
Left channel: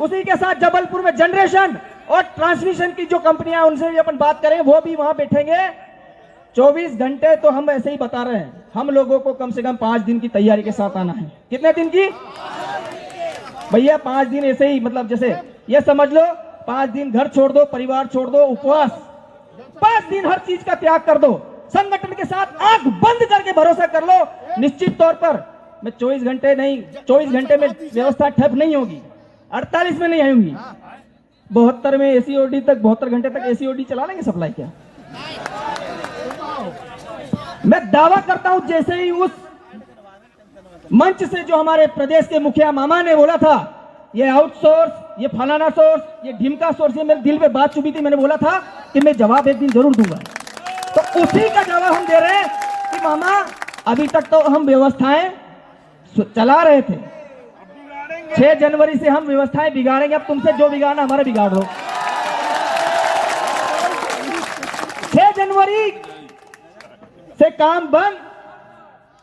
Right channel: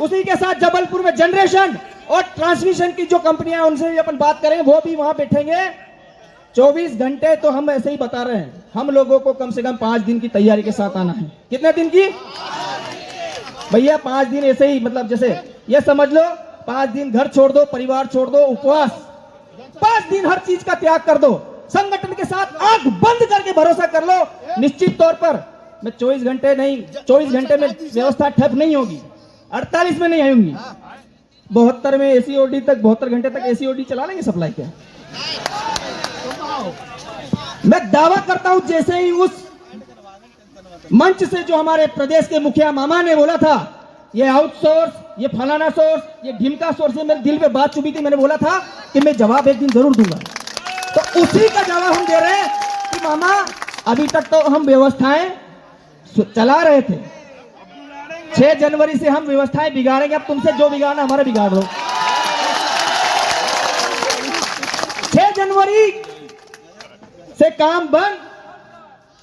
उसी के साथ जबलपुर में जनरेशन और ट्रांसमिशन की जो कंपनियां उनसे भी अपन बात करें, वो भी वहां बैठेंगे। 24 घंटे तो हम ऐसे ही बता रहे हैं, हम लोगों को कम से कम 5 दिन की तैयारी के साथ आना है। कितने दिन की भैया? 5 दिन ऐसे ही, मतलब जैसे ये समझ लो 5 दिन घर छोड़ दो, परिवार छोड़ दो, उपवास, 5 दिन हर चीज का त्याग कर दो, संगठन के साथ आंख बंद करके भरोसा कर लो, निश्चित तौर पर मैं 24 घंटे नहीं, 24 घंटे में व्यवस्था ठप नहीं होगी, 48 में नहीं आएंगी, 72 में एसीओडी तक, 72 घंटे तक एसीओडी चला लेंगे सप्लाई के। मैं दावा करता हूं, जैसे ही उस मंच से जो हमारे प्रदेश के मुखिया मामा ने बोला था, ये आउटसोर्स, ये फलाना सोर्स, ये ढिमका सोर्स, ये मेरे दिल पे बात चुभी थी। मैंने बोला था कि मैं जवाब एक दिन जरूर दूंगा, तो उसी का जवाब हम दे रहे हैं कि मामा अभी तक तो हम व्यवस्थाएं चला रहे थे, 6 जनवरी से हम व्यवस्थाएं बिगाड़ेंगे। अब तुमसे जो बिगाड़ना हमारा बिगाड़ दो। 6 जनवरी से काम बंद,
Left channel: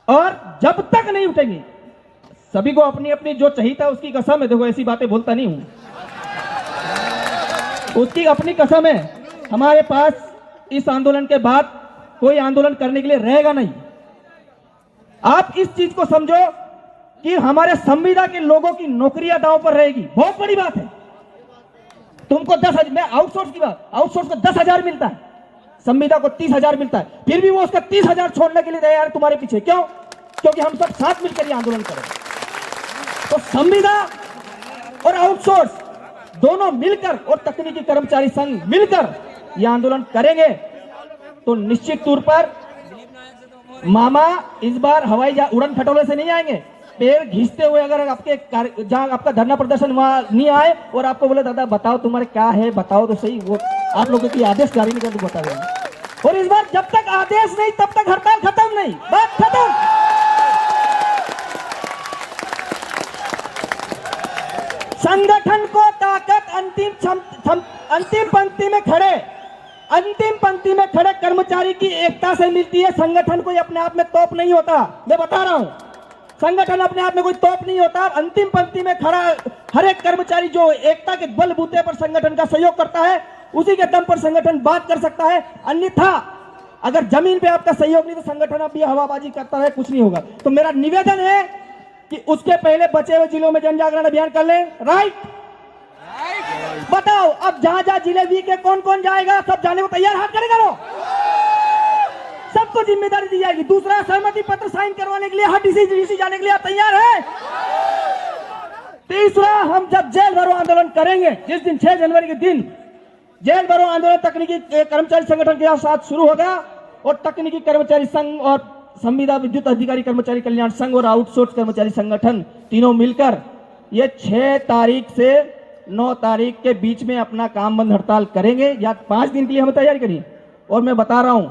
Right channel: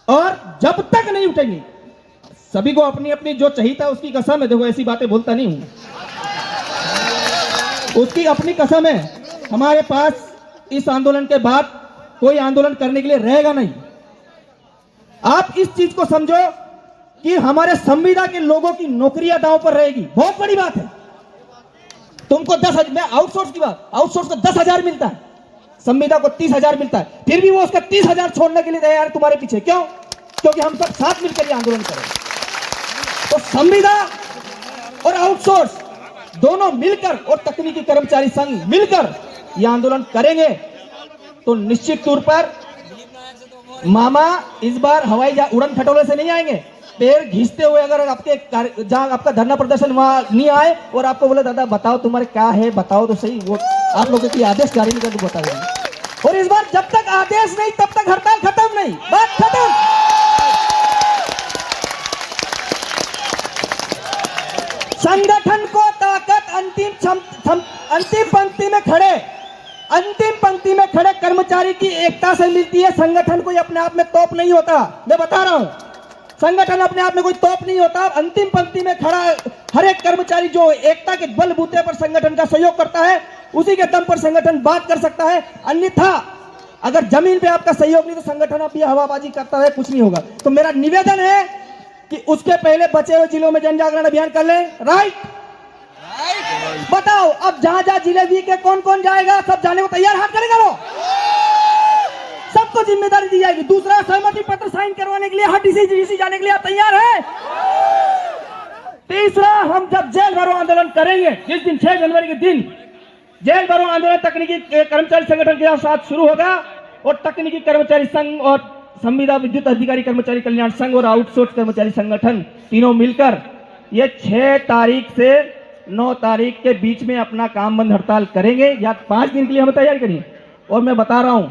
और जब तक नहीं उठेंगे, सभी को अपनी अपनी जो चाहिए उसकी कसम है। देखो ऐसी बातें बोलता नहीं हूं, उसकी अपनी कसम है। हमारे पास इस आंदोलन के बाद कोई आंदोलन करने के लिए रहेगा नहीं। आप इस चीज को समझो कि हमारे संविदा के लोगों की नौकरियां दांव पर रहेगी। बहुत बड़ी बात है। तुमको 10,000, मैं आउटसोर्स की बात, आउटसोर्स को 10,000 मिलता है, संविदा को 30,000 मिलता है, फिर भी वो उसका 30,000 छोड़ने के लिए तैयार है तुम्हारे पीछे। क्यों? क्योंकि हम सब साथ मिलकर ये आंदोलन करें। तो संविदा और आउटसोर्स दोनों मिलकर और तकनीकी कर्मचारी संघ मिलकर ये आंदोलन करेंगे, तो निश्चित तौर पर मामा इस बार हवाई उड़न खटोले से नहीं आएंगे। पैर घिसते हुए अगर आपके जहां आपका धरना प्रदर्शन वहां नहीं आए और आपको बोले दादा बताओ तुम्हारे क्या है, बताओ तो सही, वो आप लोगों की आदेश जारी नहीं कर बता देंगे। और इस बार जब तक आदेश नहीं तब तक हड़ताल खत्म नहीं, बात खत्म। संगठन को ताकत अंतिम पंक्ति में खड़े कर्मचारी की एकता से मिलती है। संगठन कोई अपने आप में तोप नहीं होता, मैं बता रहा हूं, संगठन अपने आप में कोई तोप नहीं होता। अंतिम पंक्ति में खड़ा हर एक कर्मचारी जो एकता के बलबूते पर संगठन का सहयोग करता है, उसी के दम पर संगठन बात कर सकता है। अन्यथा अगर जमीन पे आपका सहयोग नहीं तो संगठन अब ये हवाबाजी करता है, कुछ नहीं होगा। तो मेरा निवेदन है कि उसके पहले बचे हुए जिलों में जन जागरण अभियान कर लें। राइट? बताओ अब जहां जहां जिले वी के कौन कौन जाएगा, सब जाने को तैयार, हाथ खड़े करो, सबको जिम्मेदारी दी जाएगी। दूसरा, सहमति पत्र साइन करवाने के लिए हर डीसी जाने के लिए आप तैयार हैं? तीसरा, हम जब जेल भरो आंदोलन करेंगे, जिस दिन 6 जनवरी के दिन जेल भरो आंदोलन तकनीकी कर्मचारी संगठन के साथ शुरू होगा, और तकनीकी कर्मचारी संघ और संविदा विद्युत अधिकारी कर्मचारी कल्याण संघ और आउटसोर्स कर्मचारी संगठन तीनों मिलकर ये 6 तारीख से 9 तारीख के बीच में अपना काम बंद हड़ताल करेंगे, या 5 दिन के लिए हमें तैयारी करिए। और मैं बता रहा हूं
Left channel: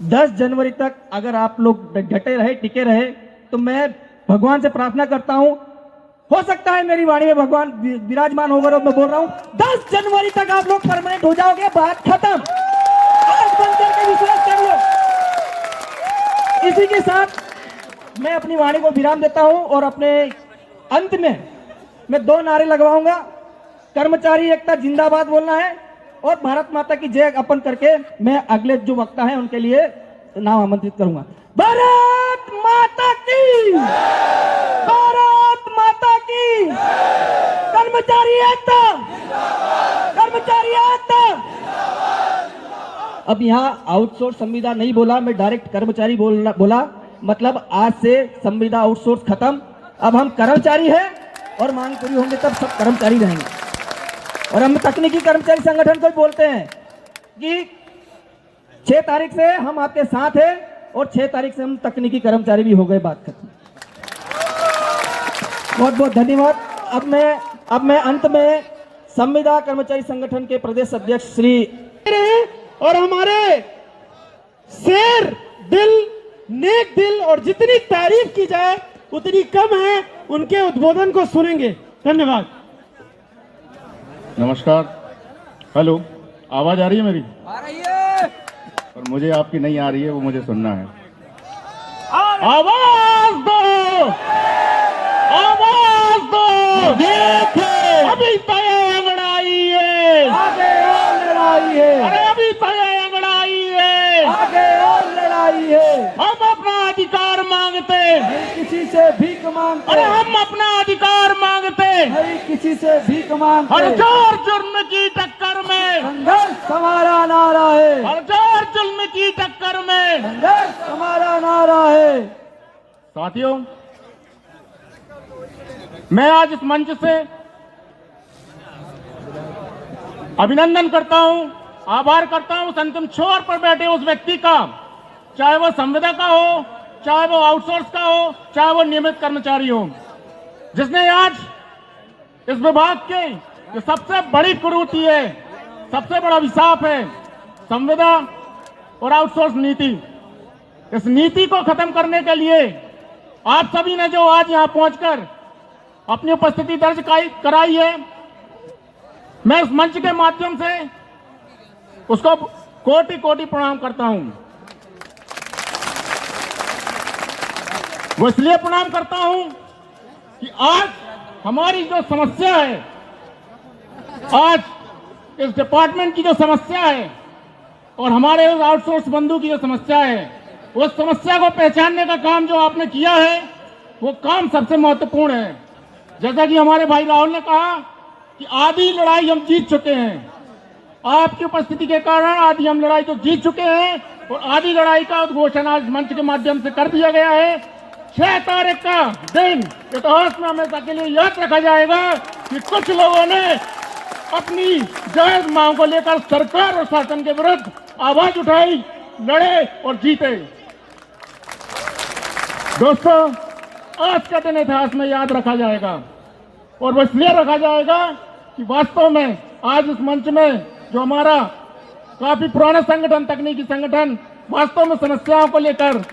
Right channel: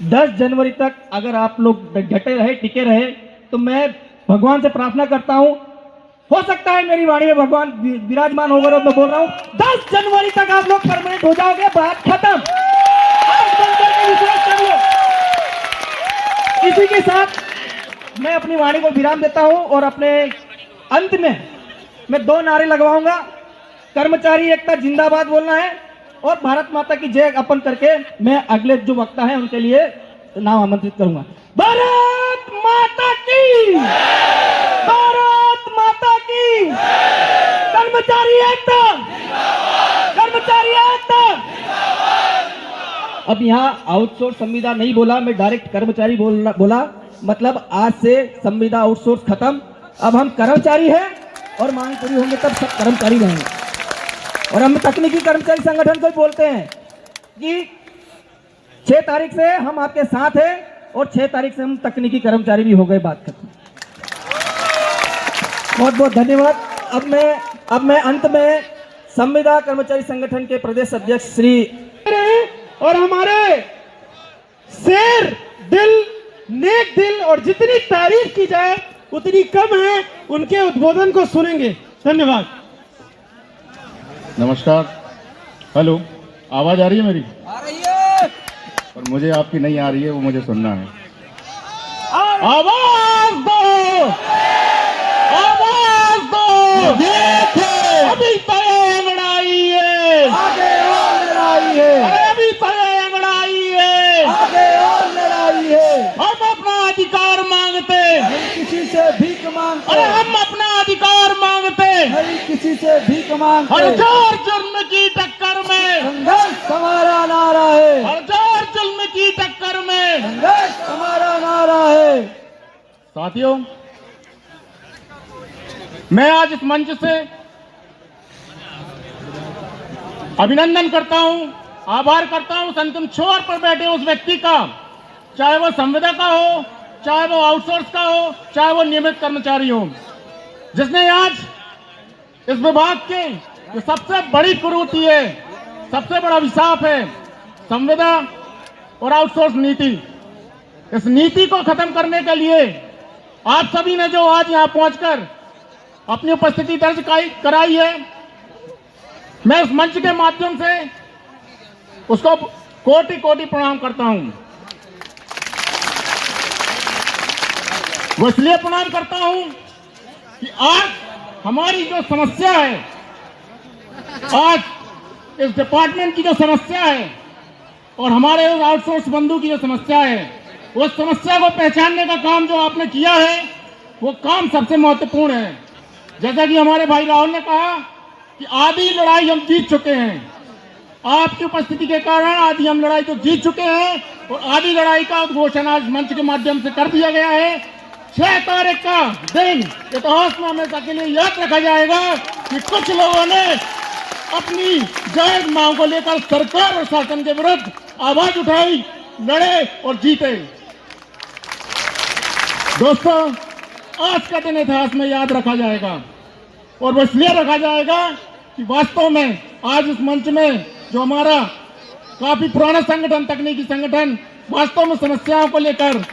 10 जनवरी तक अगर आप लोग डटे रहे, टिके रहे, तो मैं भगवान से प्रार्थना करता हूं, हो सकता है मेरी वाणी में भगवान विराजमान होकर, और मैं बोल रहा हूं 10 जनवरी तक आप लोग परमानेंट हो जाओगे, बात खत्म। आंख बंद करके विश्वास कर लो। इसी के साथ मैं अपनी वाणी को विराम देता हूं, और अपने अंत में मैं 2 नारे लगवाऊंगा। कर्मचारी एकता जिंदाबाद बोलना है, और भारत माता की जय अपन करके मैं अगले जो वक्ता है उनके लिए नाम आमंत्रित करूंगा। भारत माता की, भारत माता की, कर्मचारी एकता, कर्मचारी एकता। अब यहाँ आउटसोर्स संविदा नहीं बोला, मैं डायरेक्ट कर्मचारी बोला। मतलब आज से संविदा आउटसोर्स खत्म, अब हम कर्मचारी हैं, और मांग पूरी होंगे तब सब कर्मचारी रहेंगे। और हम तकनीकी कर्मचारी संगठन को बोलते हैं कि 6 तारीख से हम आपके साथ हैं, और 6 तारीख से हम तकनीकी कर्मचारी भी हो गए, बात खत्म। बहुत बहुत धन्यवाद। अब मैं अंत में संविदा कर्मचारी संगठन के प्रदेश अध्यक्ष श्री और हमारे शेर दिल, नेक दिल, और जितनी तारीफ की जाए उतनी कम है, उनके उद्बोधन को सुनेंगे। धन्यवाद। नमस्कार। हेलो, आवाज आ रही है मेरी? आ रही है, पर मुझे आपकी नहीं आ रही है, वो मुझे सुनना है। आवाज दो, आवाज दो। देखो अभी तय अंगड़ाई है, आगे और लड़ाई है। अरे अभी तय अंगड़ाई है, आगे और लड़ाई है। हम अपना अधिकार मांगते, नहीं किसी से भीख मांगते। अरे हम अपना अधिकार मांगते, नहीं किसी से भीख मांगते। हर जोर जुर्म की टक्कर में संघर्ष हमारा नारा है, हर जोर जुर्म की टक्कर में संघर्ष हमारा नारा है। साथियों, मैं आज इस मंच से अभिनंदन करता हूं, आभार करता हूं उस अंतिम छोर पर बैठे उस व्यक्ति का, चाहे वो संविदा का हो, चाहे वो आउटसोर्स का हो, चाहे वो नियमित कर्मचारी हो, जिसने आज इस विभाग के जो सबसे बड़ी कुरीति है, सबसे बड़ा अभिशाप है, संविदा और आउटसोर्स नीति, इस नीति को खत्म करने के लिए आप सभी ने जो आज यहां पहुंचकर अपनी उपस्थिति दर्ज कराई है, मैं इस मंच के माध्यम से उसको कोटि कोटि प्रणाम करता हूं। वो इसलिए प्रणाम करता हूं कि आज हमारी जो समस्या है, आज इस डिपार्टमेंट की जो समस्या है और हमारे आउटसोर्स बंधु की जो समस्या है, उस समस्या को पहचानने का काम जो आपने किया है, वो काम सबसे महत्वपूर्ण है। जैसा कि हमारे भाई राहुल ने कहा कि आधी लड़ाई हम जीत चुके हैं, आपकी उपस्थिति के कारण आधी हम लड़ाई तो जीत चुके हैं और आधी लड़ाई का उद्घोषण आज मंच के माध्यम से कर दिया गया है। 6 तारीख का दिन इतिहास में हमेशा के लिए याद रखा जाएगा कि कुछ लोगों ने अपनी जायज मांग को लेकर सरकार और शासन के विरुद्ध आवाज उठाई, लड़े और जीते। दोस्तों, आज का दिन इतिहास में याद रखा जाएगा और वो इसलिए रखा जाएगा कि वास्तव में आज इस मंच में जो हमारा काफी पुराना संगठन, तकनीकी संगठन, वास्तव में समस्याओं को लेकर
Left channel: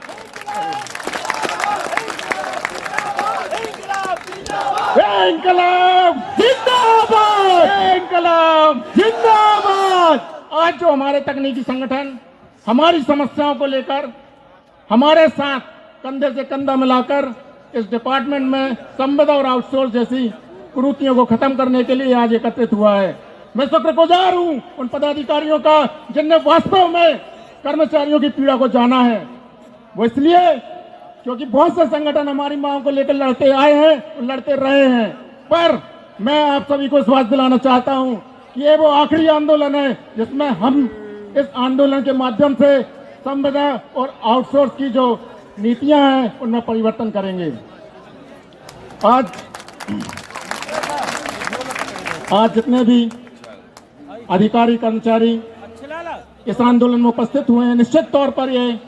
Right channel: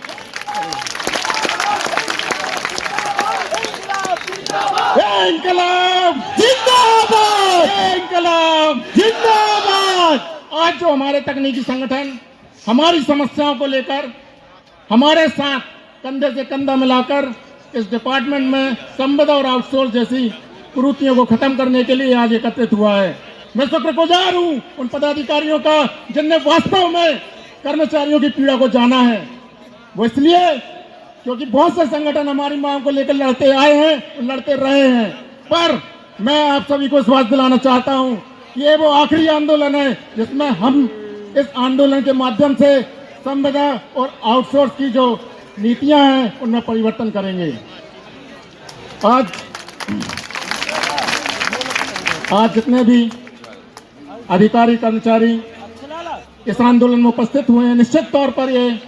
इंकलाब जिंदाबाद, इंकलाब जिंदाबाद। आज जो हमारे तकनीकी संगठन हमारी समस्याओं को लेकर हमारे साथ कंधे से कंधा मिलाकर इस डिपार्टमेंट में संविदा और आउटसोर्स जैसी कुरीतियों को खत्म करने के लिए आज एकत्रित हुआ है, मैं शुक्रगुजार हूं उन पदाधिकारियों का जिनने वास्तव में कर्मचारियों की पीड़ा को जाना है। वो इसलिए क्योंकि बहुत से संगठन हमारी मांग को लेकर लड़ते आए हैं, लड़ते रहे हैं, पर मैं आप सभी को विश्वास दिलाना चाहता हूं कि ये वो आखिरी आंदोलन है जिसमें हम इस आंदोलन के माध्यम से संविदा और आउटसोर्स की जो नीतियां हैं उनमें परिवर्तन करेंगे। आज जितने भी अधिकारी कर्मचारी इस आंदोलन में उपस्थित हुए हैं, निश्चित तौर पर ये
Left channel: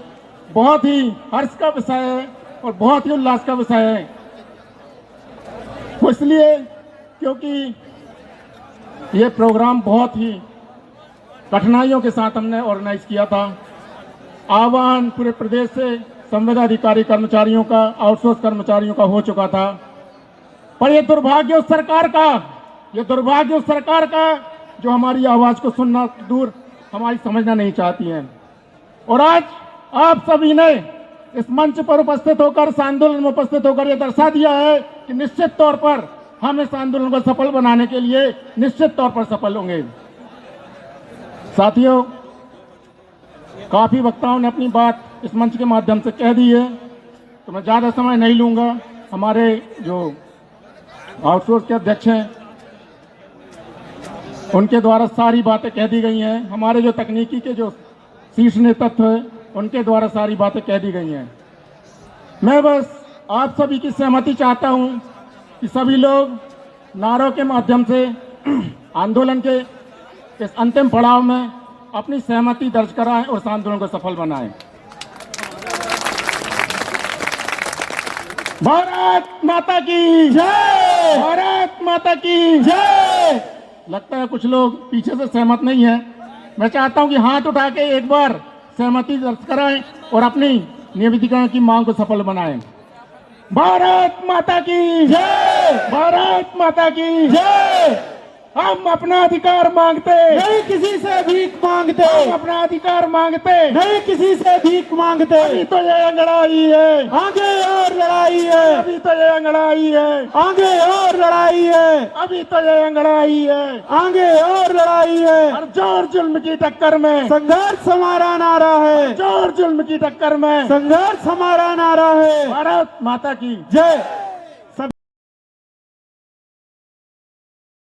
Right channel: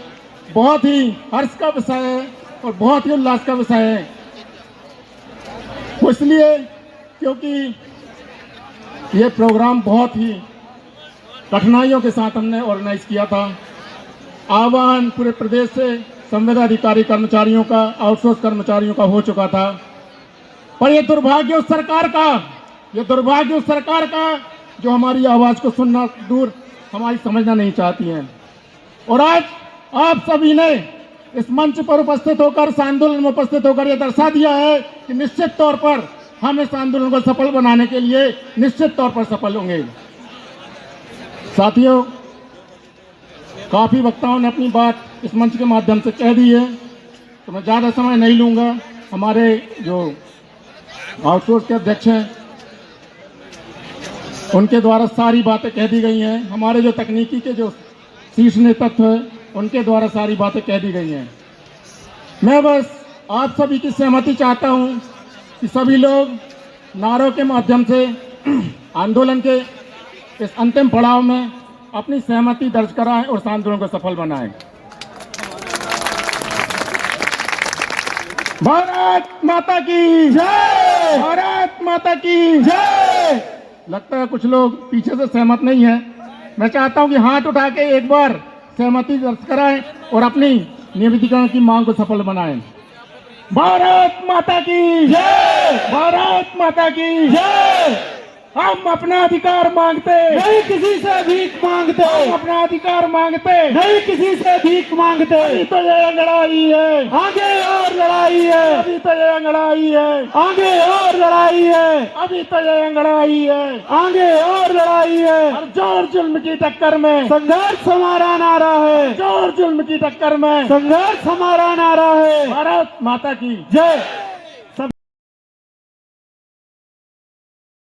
बहुत ही हर्ष का विषय है और बहुत ही उल्लास का विषय है। वो इसलिए क्योंकि ये प्रोग्राम बहुत ही कठिनाइयों के साथ हमने ऑर्गेनाइज किया था। आह्वान पूरे प्रदेश से संविदा अधिकारी कर्मचारियों का, आउटसोर्स कर्मचारियों का हो चुका था, पर ये दुर्भाग्य उस सरकार का जो हमारी आवाज को सुनना दूर हमारी समझना नहीं चाहती है। और आज आप सभी ने इस मंच पर उपस्थित होकर, इस आंदोलन में उपस्थित होकर यह दर्शा दिया है कि निश्चित तौर पर हम इस आंदोलन को सफल बनाने के लिए निश्चित तौर पर सफल होंगे। साथियों, काफी वक्ताओं ने अपनी बात इस मंच के माध्यम से कह दी है, तो मैं ज्यादा समय नहीं लूंगा। हमारे जो आउटसोर्स के अध्यक्ष हैं उनके द्वारा सारी बातें कह दी गई हैं। हमारे जो तकनीकी के जो शीर्ष नेतृत्व है उनके द्वारा सारी बातें कह दी गई हैं। मैं बस आप सभी की सहमति चाहता हूं कि सभी लोग नारों के माध्यम से आंदोलन के इस अंतिम पड़ाव में अपनी सहमति दर्ज कराएं और इस आंदोलन को सफल बनाएं। भारत माता की जय, भारत माता की जय। लगता है कुछ लोग पीछे से सहमत नहीं है। मैं चाहता हूं कि हाथ उठा के एक बार सहमति दर्ज कराएं और अपनी नियमितीकरण की मांग को सफल बनाएं। भारत माता की जय, भारत माता की जय। हम अपना अधिकार मांगते नहीं, किसी से भीख मांगते, हम अपना अधिकार मांगते नहीं, किसी से भीख मांगते। अभी तो ये लड़ाई है, आगे और लड़ाई है, अभी तो ये लड़ाई है, आगे और लड़ाई है, अभी तो ये लड़ाई है, आगे और लड़ाई है। और जोर जुल्म की टक्कर में संघर्ष हमारा नारा है, जोर जुल्म की टक्कर में संघर्ष हमारा नारा है। भारत माता की जय।